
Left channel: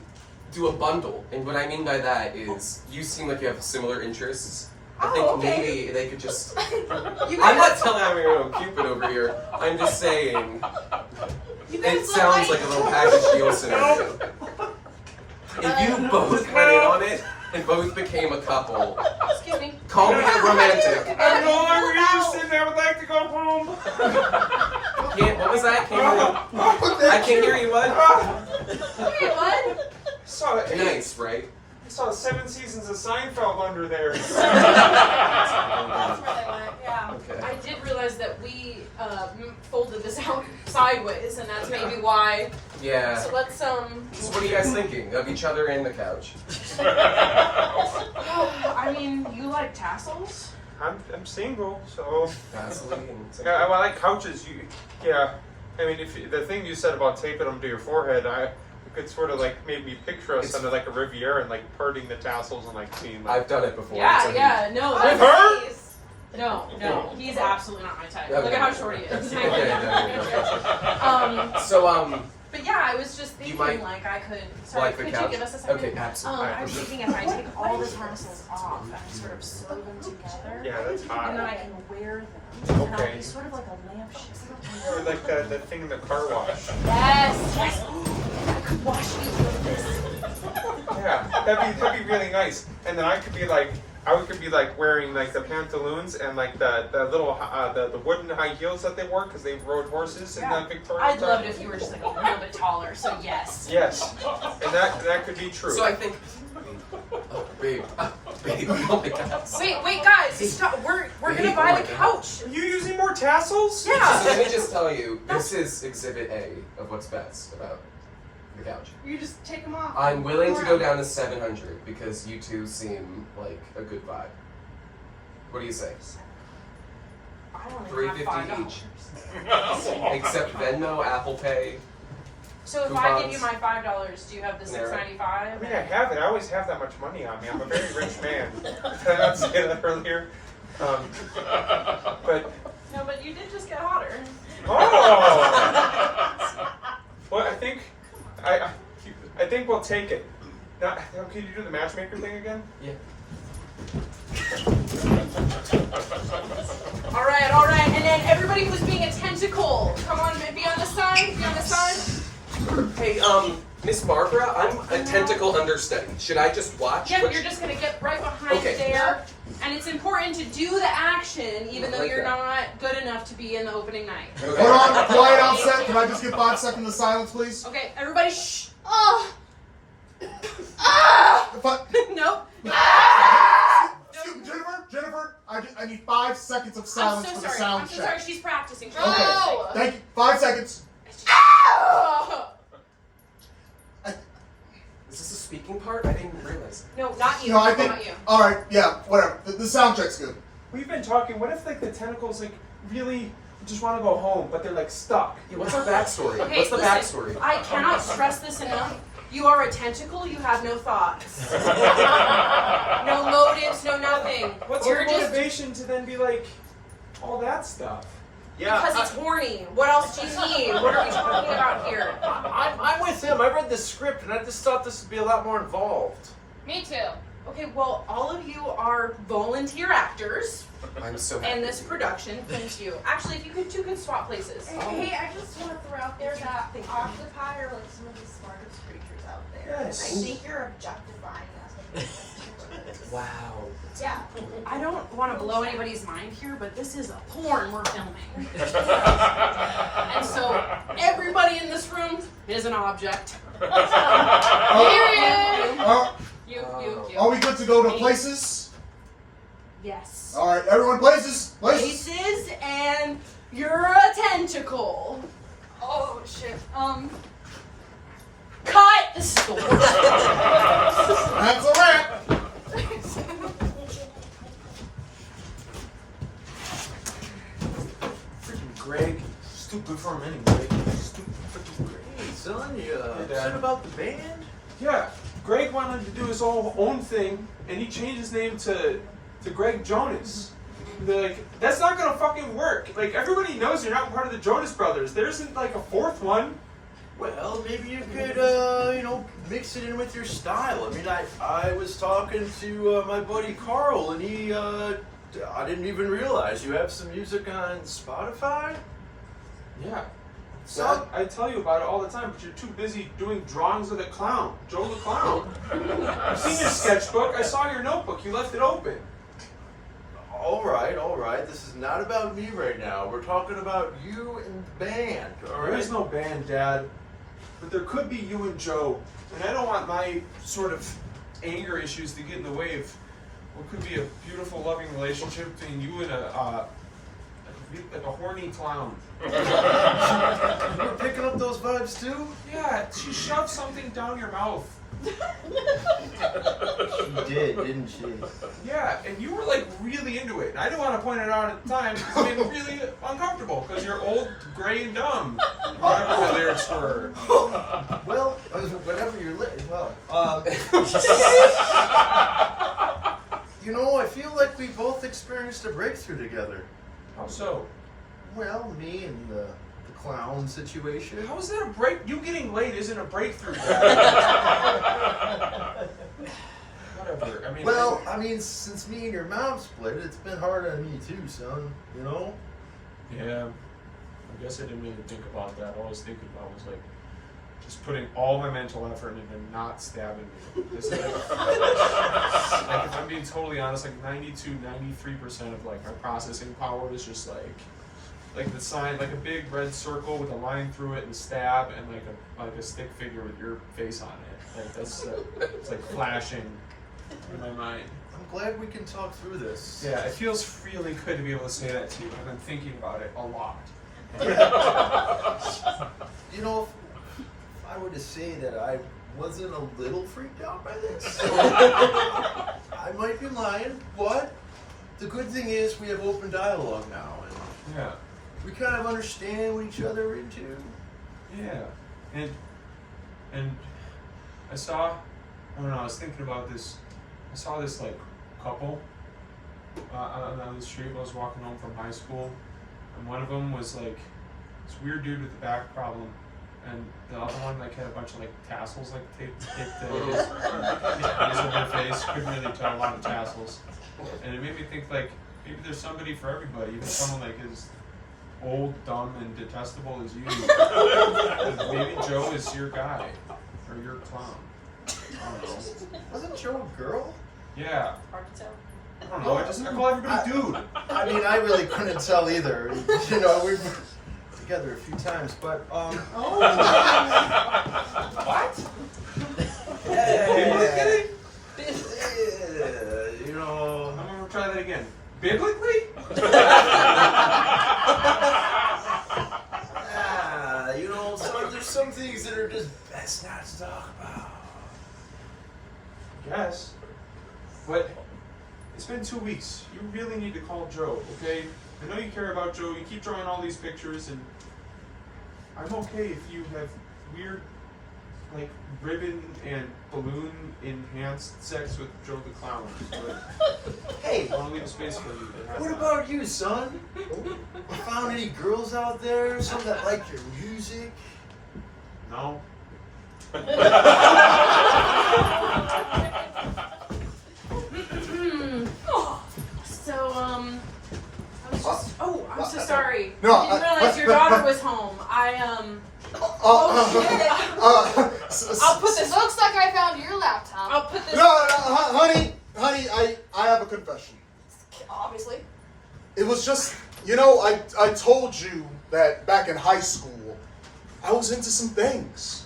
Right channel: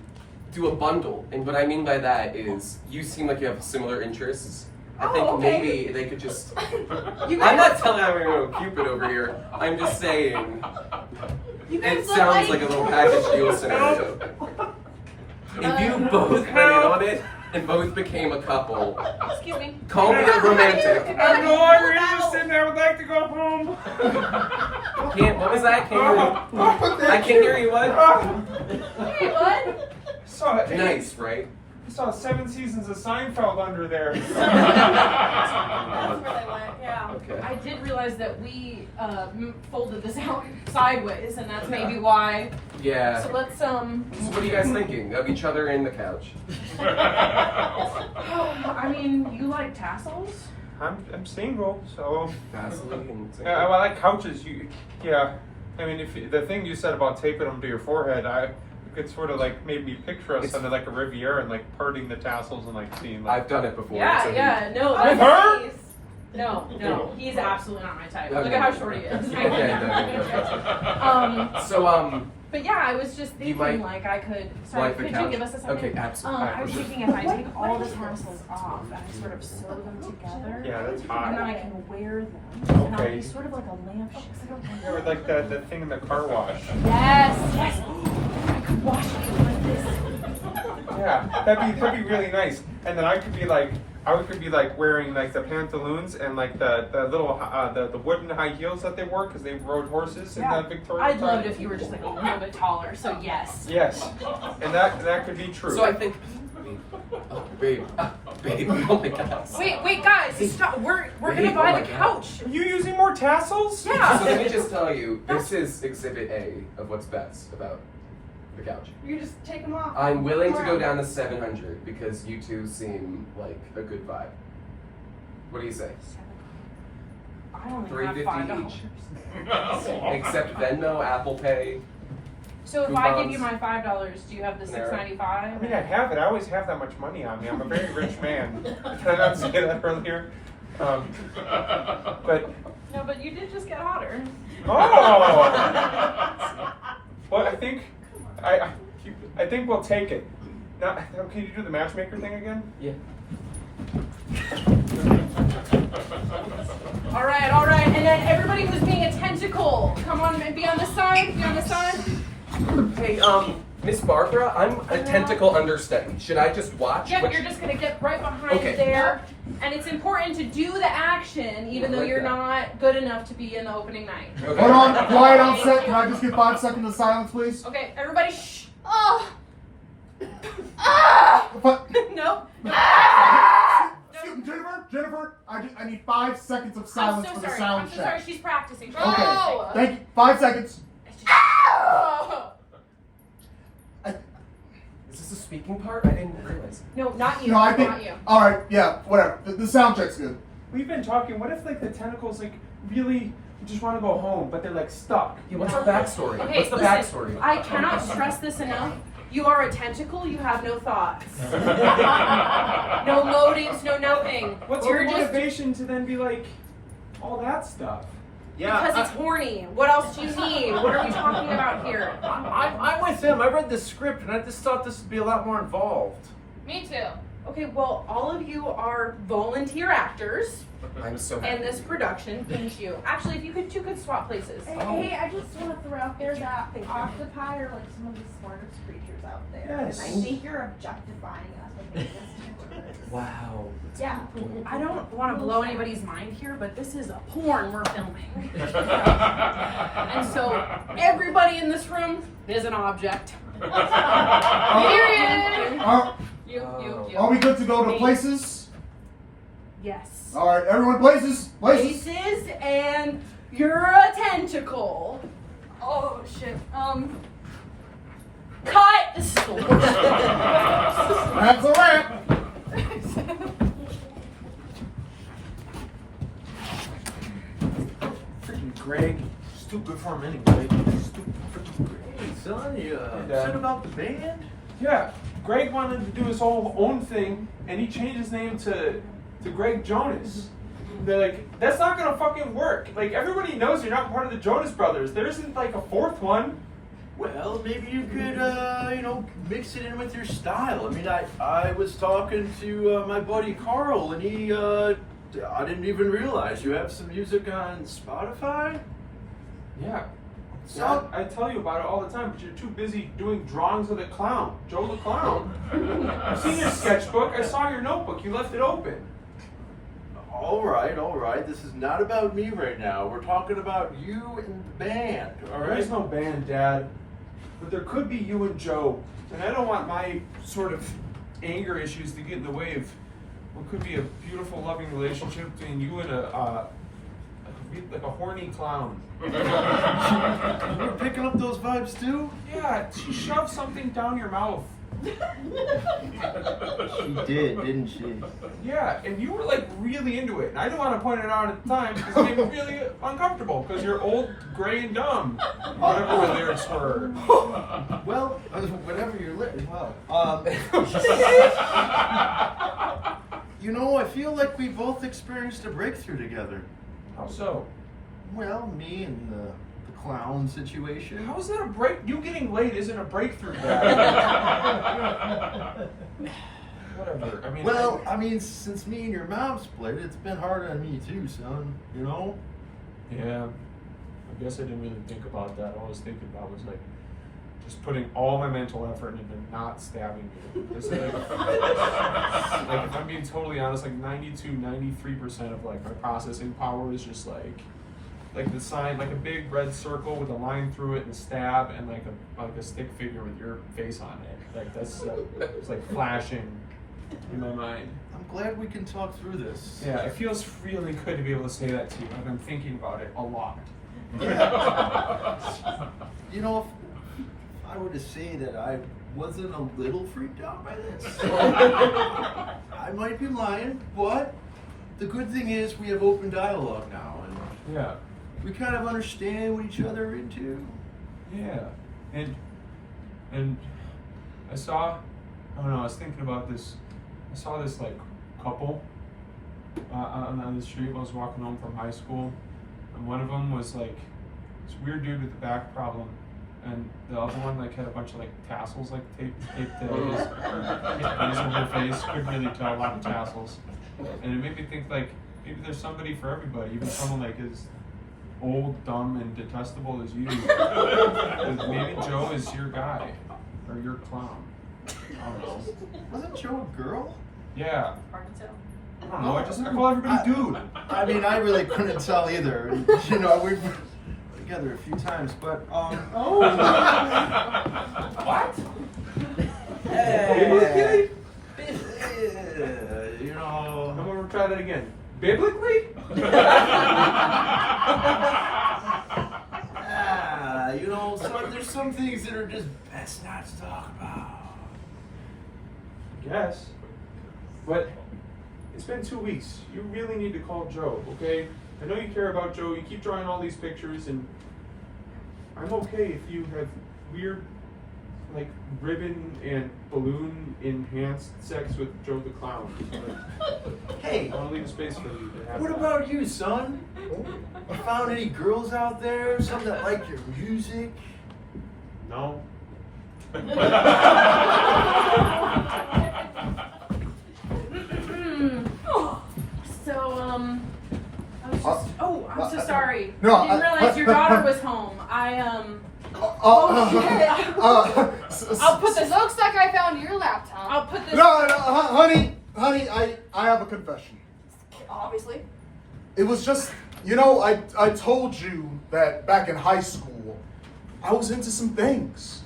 do a bundle. And what I mean by that is, you seem like you have similar interests. I think Oh, okay. maybe they could just. You I'm guys, not telling everyone Cupid over here. I'm just saying. you guys It look sounds like a little package deal scenario. If you both went in on it and both became a couple, Excuse me. call me a romantic. I'm no longer interested. I would like to go home. What was that? I can't hear you. What? Hey, bud. So Nice, right? saw 7 seasons of Seinfeld under there. That's where they went. Yeah. Okay. I did realize that we folded this out sideways, and that's maybe why. Yeah. So let's So what are you guys thinking? Of each other in the couch? I mean, you like tassels? I'm single, so Vaseline. yeah, I like couches. Yeah. I mean, the thing you said about taping them to your forehead, it sort of like made me picture us under like a Riviera and like parting the tassels and like seeing like. I've done it before. Yeah, so yeah, no, With that's her? nice. No, he's absolutely not my type. Okay. Look at how short he is. Okay, So But yeah, I was just You thinking, might like, I could. Sorry, like the could couch? you give us a second? Okay, absolutely. I was thinking if I take all the tassels off and sort of sew them together, Yeah, that's and then hot. I can wear them, and I'll Okay. be sort of like a lampshade. Or like that thing in the car wash. Yes, yes. I could wash it like this. Yeah, that'd be really nice. And then I could be like wearing like the pantaloons and like the little the wooden high heels that they wore because they rode horses in the Victorian I'd love time. it if you were just like a little bit taller. So yes. Yes, and that could be true. I think. Oh, babe. Babe. Oh my God. Wait, guys, stop. We're Babe, gonna buy oh my the God. couch. Are you using more tassels? So let me just tell you, this is Exhibit A of what's best about the couch. You just take them off. I'm willing to go down to 700 because you two seem like a good vibe. What do you say? I only have $3.50 $5. each. Except Venmo, Apple Pay. So if I give Coupons. you my $5, do you have the I $6.95? mean, I have it. I always have that much money on me. I'm a very rich man. Did I not say that earlier? But No, but you did just get hotter. oh, well, I think we'll take it. Now, can you do the matchmaker thing again? Yeah. All right, and then everybody who's being a tentacle, come on, be on the side, Hey, Miss Barbara, I'm a tentacle understudy. Should I just watch? Yep, what you're just gonna get right behind Okay. there, and it's important to do the action, even though Like you're that. not good enough to be in the opening night. Okay. Hold on, quiet on set. Can I just get 5 seconds of silence, please? Okay, everybody, shh. Oh. Nope. Jennifer, I need 5 seconds of silence for the sound I'm so sorry. check. She's practicing. Okay, Oh. thank you. 5 seconds. It's just- Is this a speaking part? I didn't realize. No, not you. No, I think. Not you. All right, yeah, whatever. The sound check's good. We've been talking. What if like the tentacles like really just want to go home, but they're like stuck? Yeah, what's our backstory? Okay, What's the listen, backstory? I cannot stress this enough. You are a tentacle, you have no thoughts. No motives, no nothing. What's You're your just motivation to then be like all that stuff? because it's horny. What else do you need? What are we talking about here? I'm with him. I read the script and I just thought this would be a lot more involved. Me too. Okay, well, all of you are volunteer actors I'm so happy. in this production. Thank you. Actually, if you could, two could swap places. Hey, I just want to throw out there that octopi are like some of the smartest creatures out there. Yes. I think you're objectifying us when you listen to this. Wow. Yeah. I don't want to blow anybody's mind here, but this is a porn we're filming. And so everybody in this room is an object. Period. You. Are we good to go to places? Yes. All right, everyone, places. Places, and you're a tentacle. Oh shit. Cut. That's a wrap. Freaking Greg. Stupid for him anyway. Stupid freaking Greg. Son, you upset about the band? Yeah, Greg wanted to do his own thing, and he changed his name to Greg Jonas. They're like, that's not gonna fucking work. Like everybody knows you're not part of the Jonas Brothers. There isn't like a fourth one. Well, maybe you could, mix it in with your style. I mean, I was talking to my buddy Carl, and he, I didn't even realize you have some music on Spotify? Yeah. So, I tell you about it all the time, but you're too busy doing drawings of the clown, Joe the Clown. I've seen your sketchbook. I saw your notebook. You left it open. all right. This is not about me right now. We're talking about you and the band, all There right? is no band, Dad. But there could be you and Joe. And I don't want my sort of anger issues to get in the way of what could be a beautiful, loving relationship between you and like a horny clown. You were picking up those vibes too? Yeah, she shoved something down your mouth. She did, didn't she? Yeah, and you were like really into it. And I didn't want to point it out at the time because it made me really uncomfortable because you're old, gray, and dumb. Whatever the lyrics were. Well, whatever you're you know, I feel like we both experienced a breakthrough together. How so? Well, me and the clown situation. How is that a break? You getting late isn't a breakthrough. Whatever. I mean. Well, I mean, since me and your mom split, it's been hard on me too, son. You know? Yeah. I guess I didn't really think about that. All I was thinking about was like just putting all my mental effort into not stabbing you. This is like if I'm being totally honest, like 93% of like my processing power is just like the sign, like a big red circle with a line through it and a stab and like a stick figure with your face on it. Like that's it's like flashing in my mind. I'm glad we can talk through this. Yeah, it feels really good to be able to say that to you. I've been thinking about it a lot. You know, if I were to say that I wasn't a little freaked out by this, I might be lying, but the good thing is we have open dialogue now, and Yeah. we kind of understand what each other are into. Yeah, and I saw, I don't know, I was thinking about this. I saw this like couple on the street when I was walking home from high school, and one of them was like this weird dude with a back problem, and the other one like had a bunch of like tassels like taped to his face over her face. Couldn't really tell a lot of tassels, and it made me think like maybe there's somebody for everybody, even someone like as old, dumb, and detestable as you. Maybe Joe is your guy or your clown. I don't know. Wasn't Joe a girl? Yeah. I don't know. I call everybody dude. I mean, I really couldn't tell either. You know, we've been together a few times, but What? Biblically? You know, I'm gonna try that again. Biblically? You know, there's some things that are just best not to talk about. I guess. But it's been 2 weeks. You really need to call Joe, okay? I know you care about Joe. You keep drawing all these pictures, and I'm okay if you have weird, like, ribbon and balloon enhanced sex with Joe the Clown. But Hey, I want to leave a space for you to have what that. about you, son? You found any girls out there? Some that like your music? No. So, I was just, I'm so sorry. No, I didn't realize your daughter was home. I'll put this, Looks like I found your laptop. I'll put this. No, honey, I have a confession. Obviously. It was just, you know, I told you that back in high school, I was into some things.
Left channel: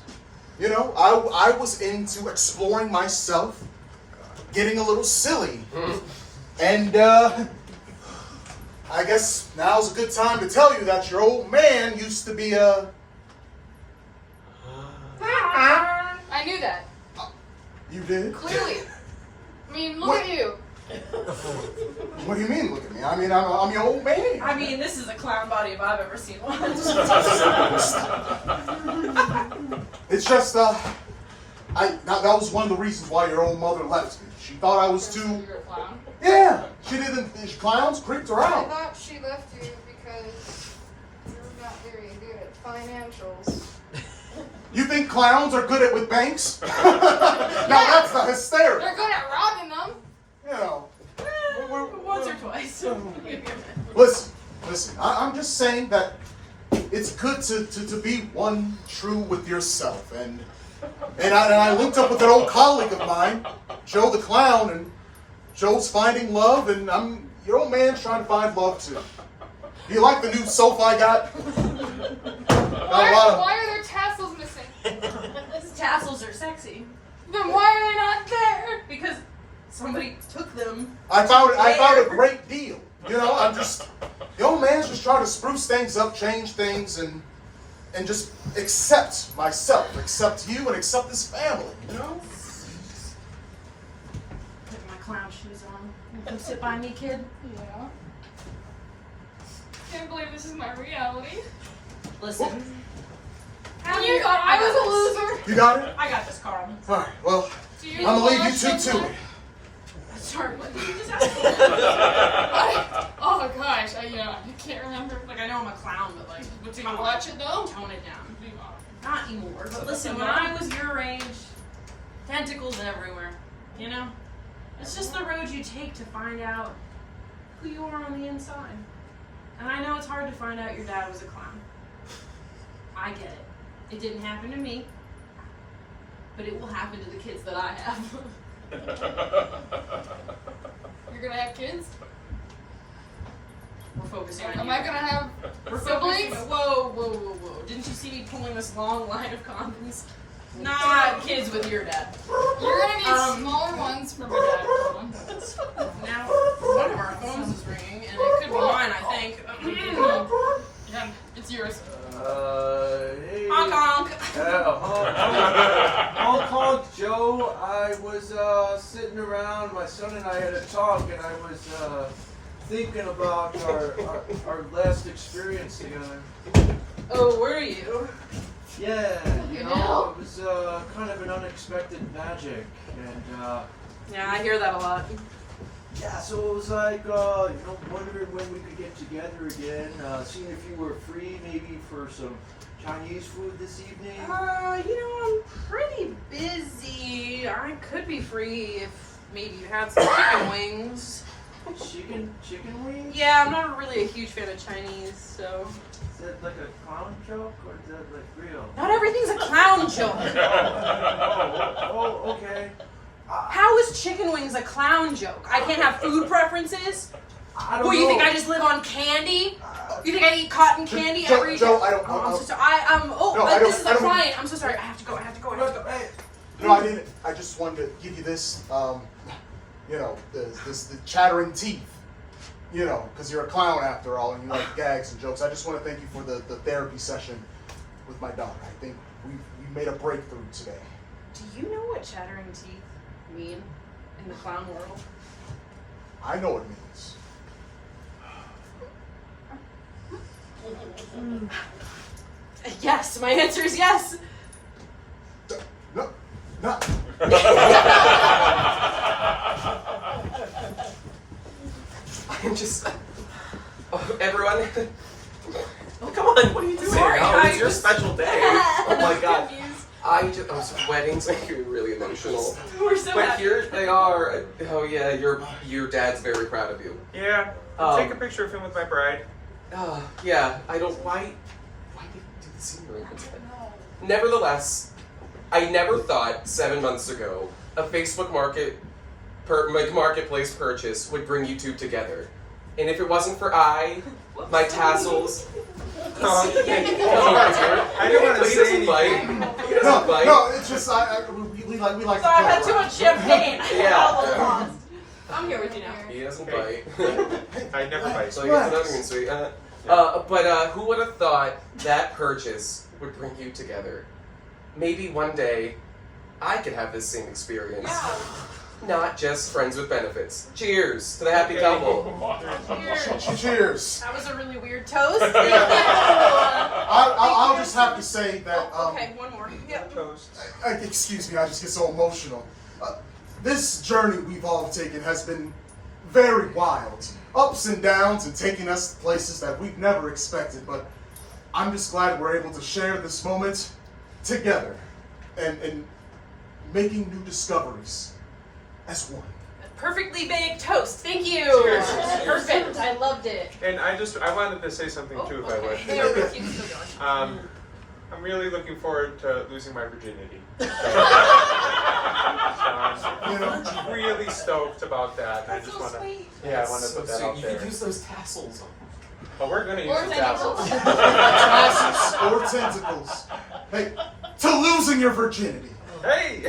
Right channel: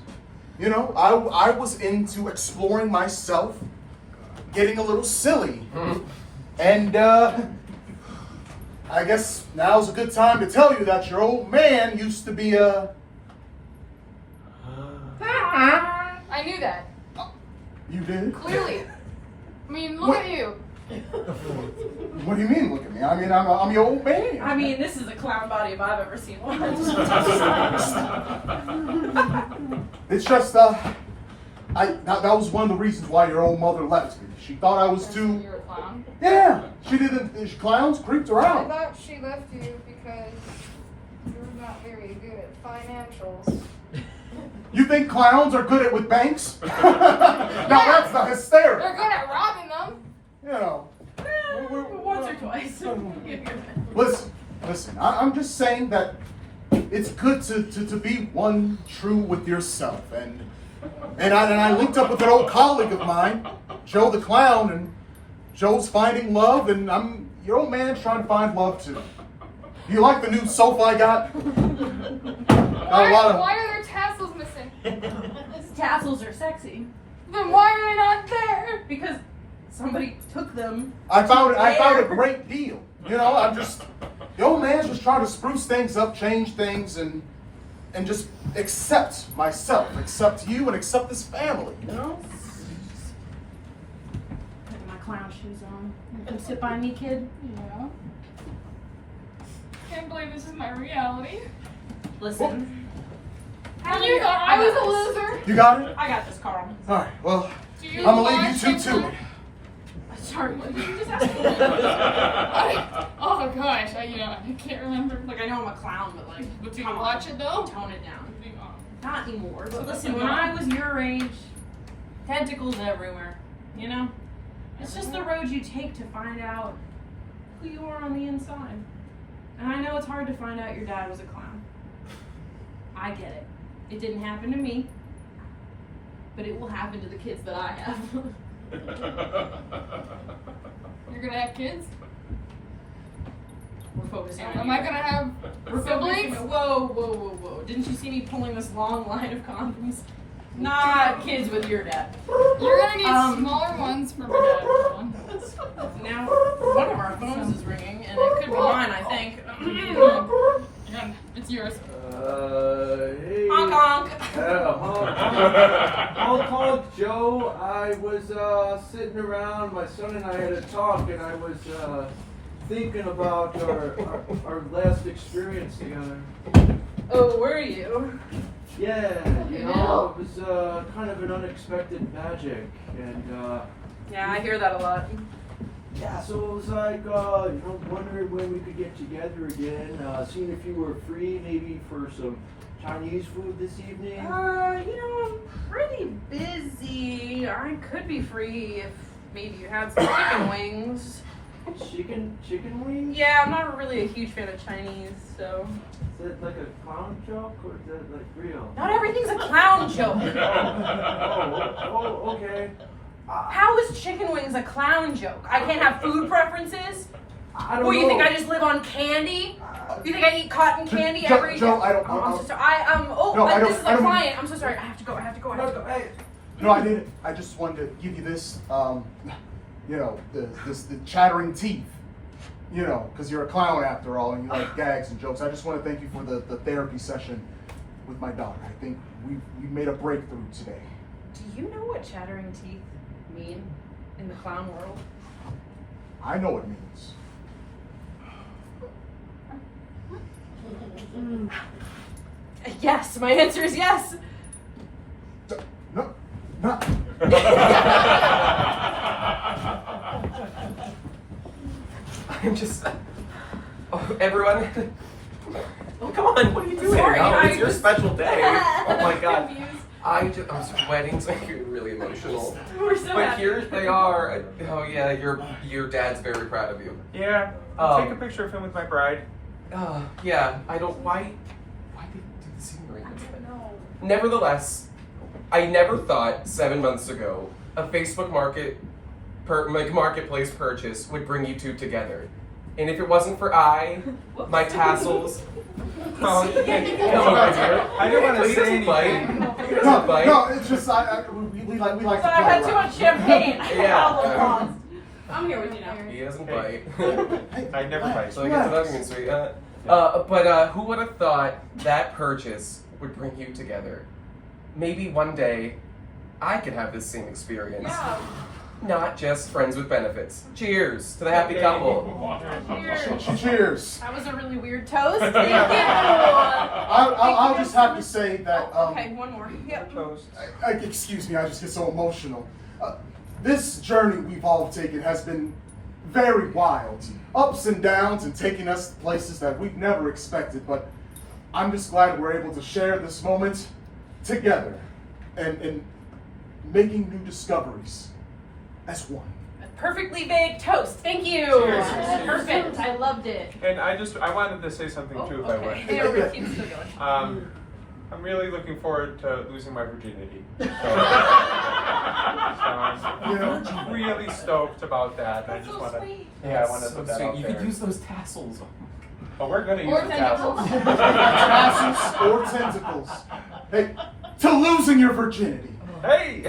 You know, I was into exploring myself, getting a little silly. And I guess now's a good time to tell you that your old man used to be a... I knew that. You did? Clearly. I mean, look What? at you. What do you mean, look at me? I mean, I'm your old man. I mean, this is a clown body if I've ever seen one. It's just, that was one of the reasons why your old mother left me. She thought I was too... You're a clown. Yeah, she didn't... Clowns creeped her I out. thought she left you because you're not very good at financials. You think clowns are good at with banks? No, that's not hysterical. They're good at robbing them. You know. Once or twice. Listen. I'm just saying that it's good to be one true with yourself. And I looked up with an old colleague of mine, Joe the Clown, and Joe's finding love, and your old man's trying to find love too. You like the new sofa I got? Why are there tassels missing? Tassels are sexy. Then why are they not there? Because somebody took them. I found a great deal. You know, I'm just, the old man's just trying to spruce things up, change things, and just accept myself, accept you, and accept this family, you know? Put my clown shoes on. You come sit by me, kid. Yeah. Can't believe this is my reality. Listen. And you thought I was a loser? You got it? I got this, Carl. All right, well, Do you I'm gonna leave you watch two to something? it. Sorry, what did you just ask for? Oh gosh, I can't remember. Like, I know I'm a clown, but like, But do you come on, watch it though? tone it down. Do you not? Not anymore. But listen, when I was your age, tentacles everywhere. You know? It's just the road you take to find out who you are on the inside. And I know it's hard to find out your dad was a clown. I get it. It didn't happen to me. But it will happen to the kids that I have. You're gonna have kids? We're focusing on Am you. I gonna have We're focusing. siblings? Whoa. Didn't you see me pulling this long line of condoms? Not kids with your dad. You're gonna need Um, smaller ones for my dad. Now, one of our phones is ringing, and it could be mine, I think. It's yours. Hey. Honk honk. Honk honk, Joe. I was sitting around. My son and I had a talk, and I was thinking about our last experience together. Oh, were you? Yeah, you know, it was kind of an unexpected magic, and Yeah, I hear that a lot. yeah, so it was like, wondering when we could get together again, seeing if you were free maybe for some Chinese food this evening. I'm pretty busy. I could be free if maybe you had some chicken wings. Chicken wings? Yeah, I'm not really a huge fan of Chinese, so. Is that like a clown joke, or is that like real? Not everything's a clown joke. Oh, okay. How is chicken wings a clown joke? I can't have food preferences? I don't What, know. you think I just live on candy? You think I eat cotton candy Joe, every Joe, I don't Oh, I'm know. so sorry. This is a client. I'm so sorry. I have to go. Hey, No, I just wanted to give you this, the chattering teeth, because you're a clown after all, and you like gags and jokes. I just want to thank you for the therapy session with my daughter. I think we made a breakthrough today. Do you know what chattering teeth mean in the clown world? I know what it means. Yes, my answer is yes. No. I'm just. Oh, everyone. Oh, come on, what are you doing? Sorry, Oh, it's I your just- special day. Oh my god. Confused. I'm sweating, so you're really emotional. We're so But happy. here they are. Oh yeah, your dad's very proud of you. Yeah, take a picture of him with my bride. Yeah, I don't. Why did you do the scenery? Nevertheless, I never thought 7 months ago a Facebook marketplace purchase would bring you two together. And if it wasn't for my tassels. I didn't want to say anything. No, it's just we like to I've play had too around. much champagne. Yeah. I'm here with you now. He doesn't bite. I never bite. So I guess nothing is sweet. But who would have thought that purchase would bring you together? Maybe one day I could have this same experience. Not just friends with benefits. Cheers to the happy couple. Cheers. That was a really weird toast. I'll just have to say that. Okay, one more. Yep. Toast. Excuse me, I just get so emotional. This journey we've all taken has been very wild. Ups and downs and taking us places that we've never expected, but I'm just glad we're able to share this moment together and making new discoveries as one. Perfectly baked toast. Thank you. Cheers. Perfect. I loved it. And I wanted to say something too, if I okay. would. Yeah, keep still going. I'm really looking forward to losing my virginity. So I'm really stoked about that. I just want to, I want to put that out You there. could use those tassels. Oh, we're going to use Or the tassels. tentacles. Tassels or tentacles. Hey, to losing your virginity. Hey!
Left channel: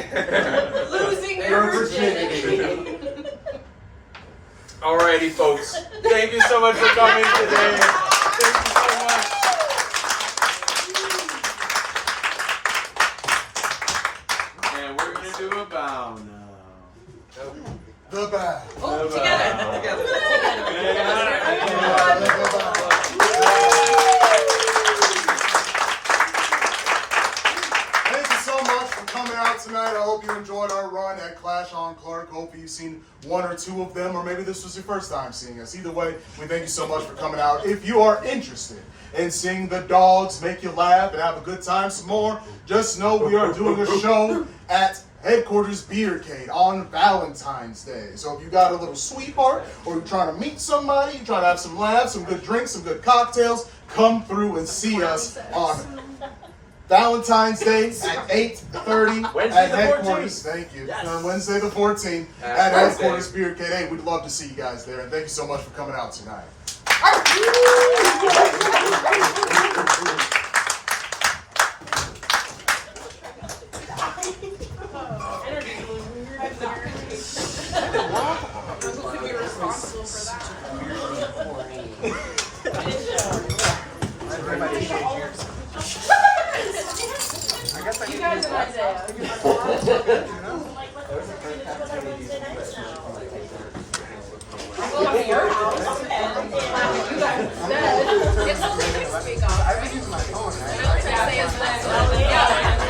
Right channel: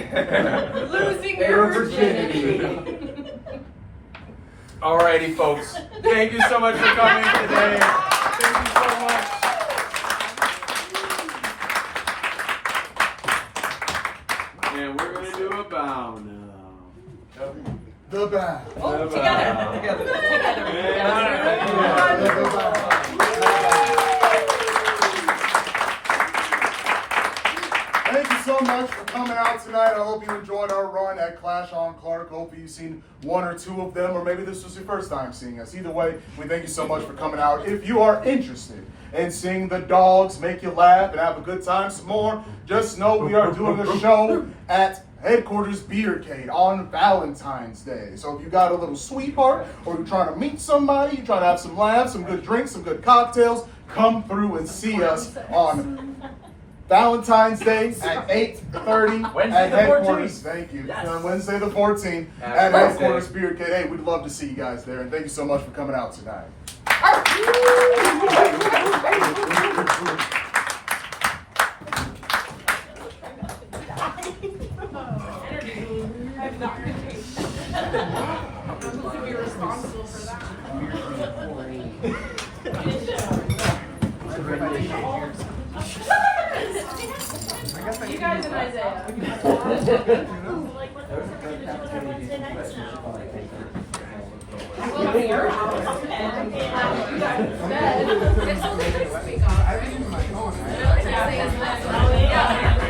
Losing your virginity. Alrighty, folks. Thank you so much for coming today. Thank you so much. And we're gonna do a bow now. The bow. Oh, The together. bow. Together. The bow. Thank you so much for coming out tonight. I hope you enjoyed our run at Clash on Clark. Hopefully you've seen one or two of them, or maybe this was your first time seeing us. Either way, we thank you so much for coming out. If you are interested in seeing the Dawgs make you laugh and have a good time some more, just know we are doing a show at Headquarters Beercade on Valentine's Day. So if you got a little sweetheart, or you're trying to meet somebody, you're trying to have some laughs, some good drinks, some good cocktails, come through and see us on Valentine's Day at 8:30 Wednesday at the Headquarters. 14th. Thank you. Yes. Wednesday the 14th at Wednesday. Headquarters Beercade. Hey, we'd love to see you guys there, and thank you so much for coming out tonight. You guys and Isaiah. I will be your house, and you guys instead. It's only this week off, right? Isaiah's next one. Yeah.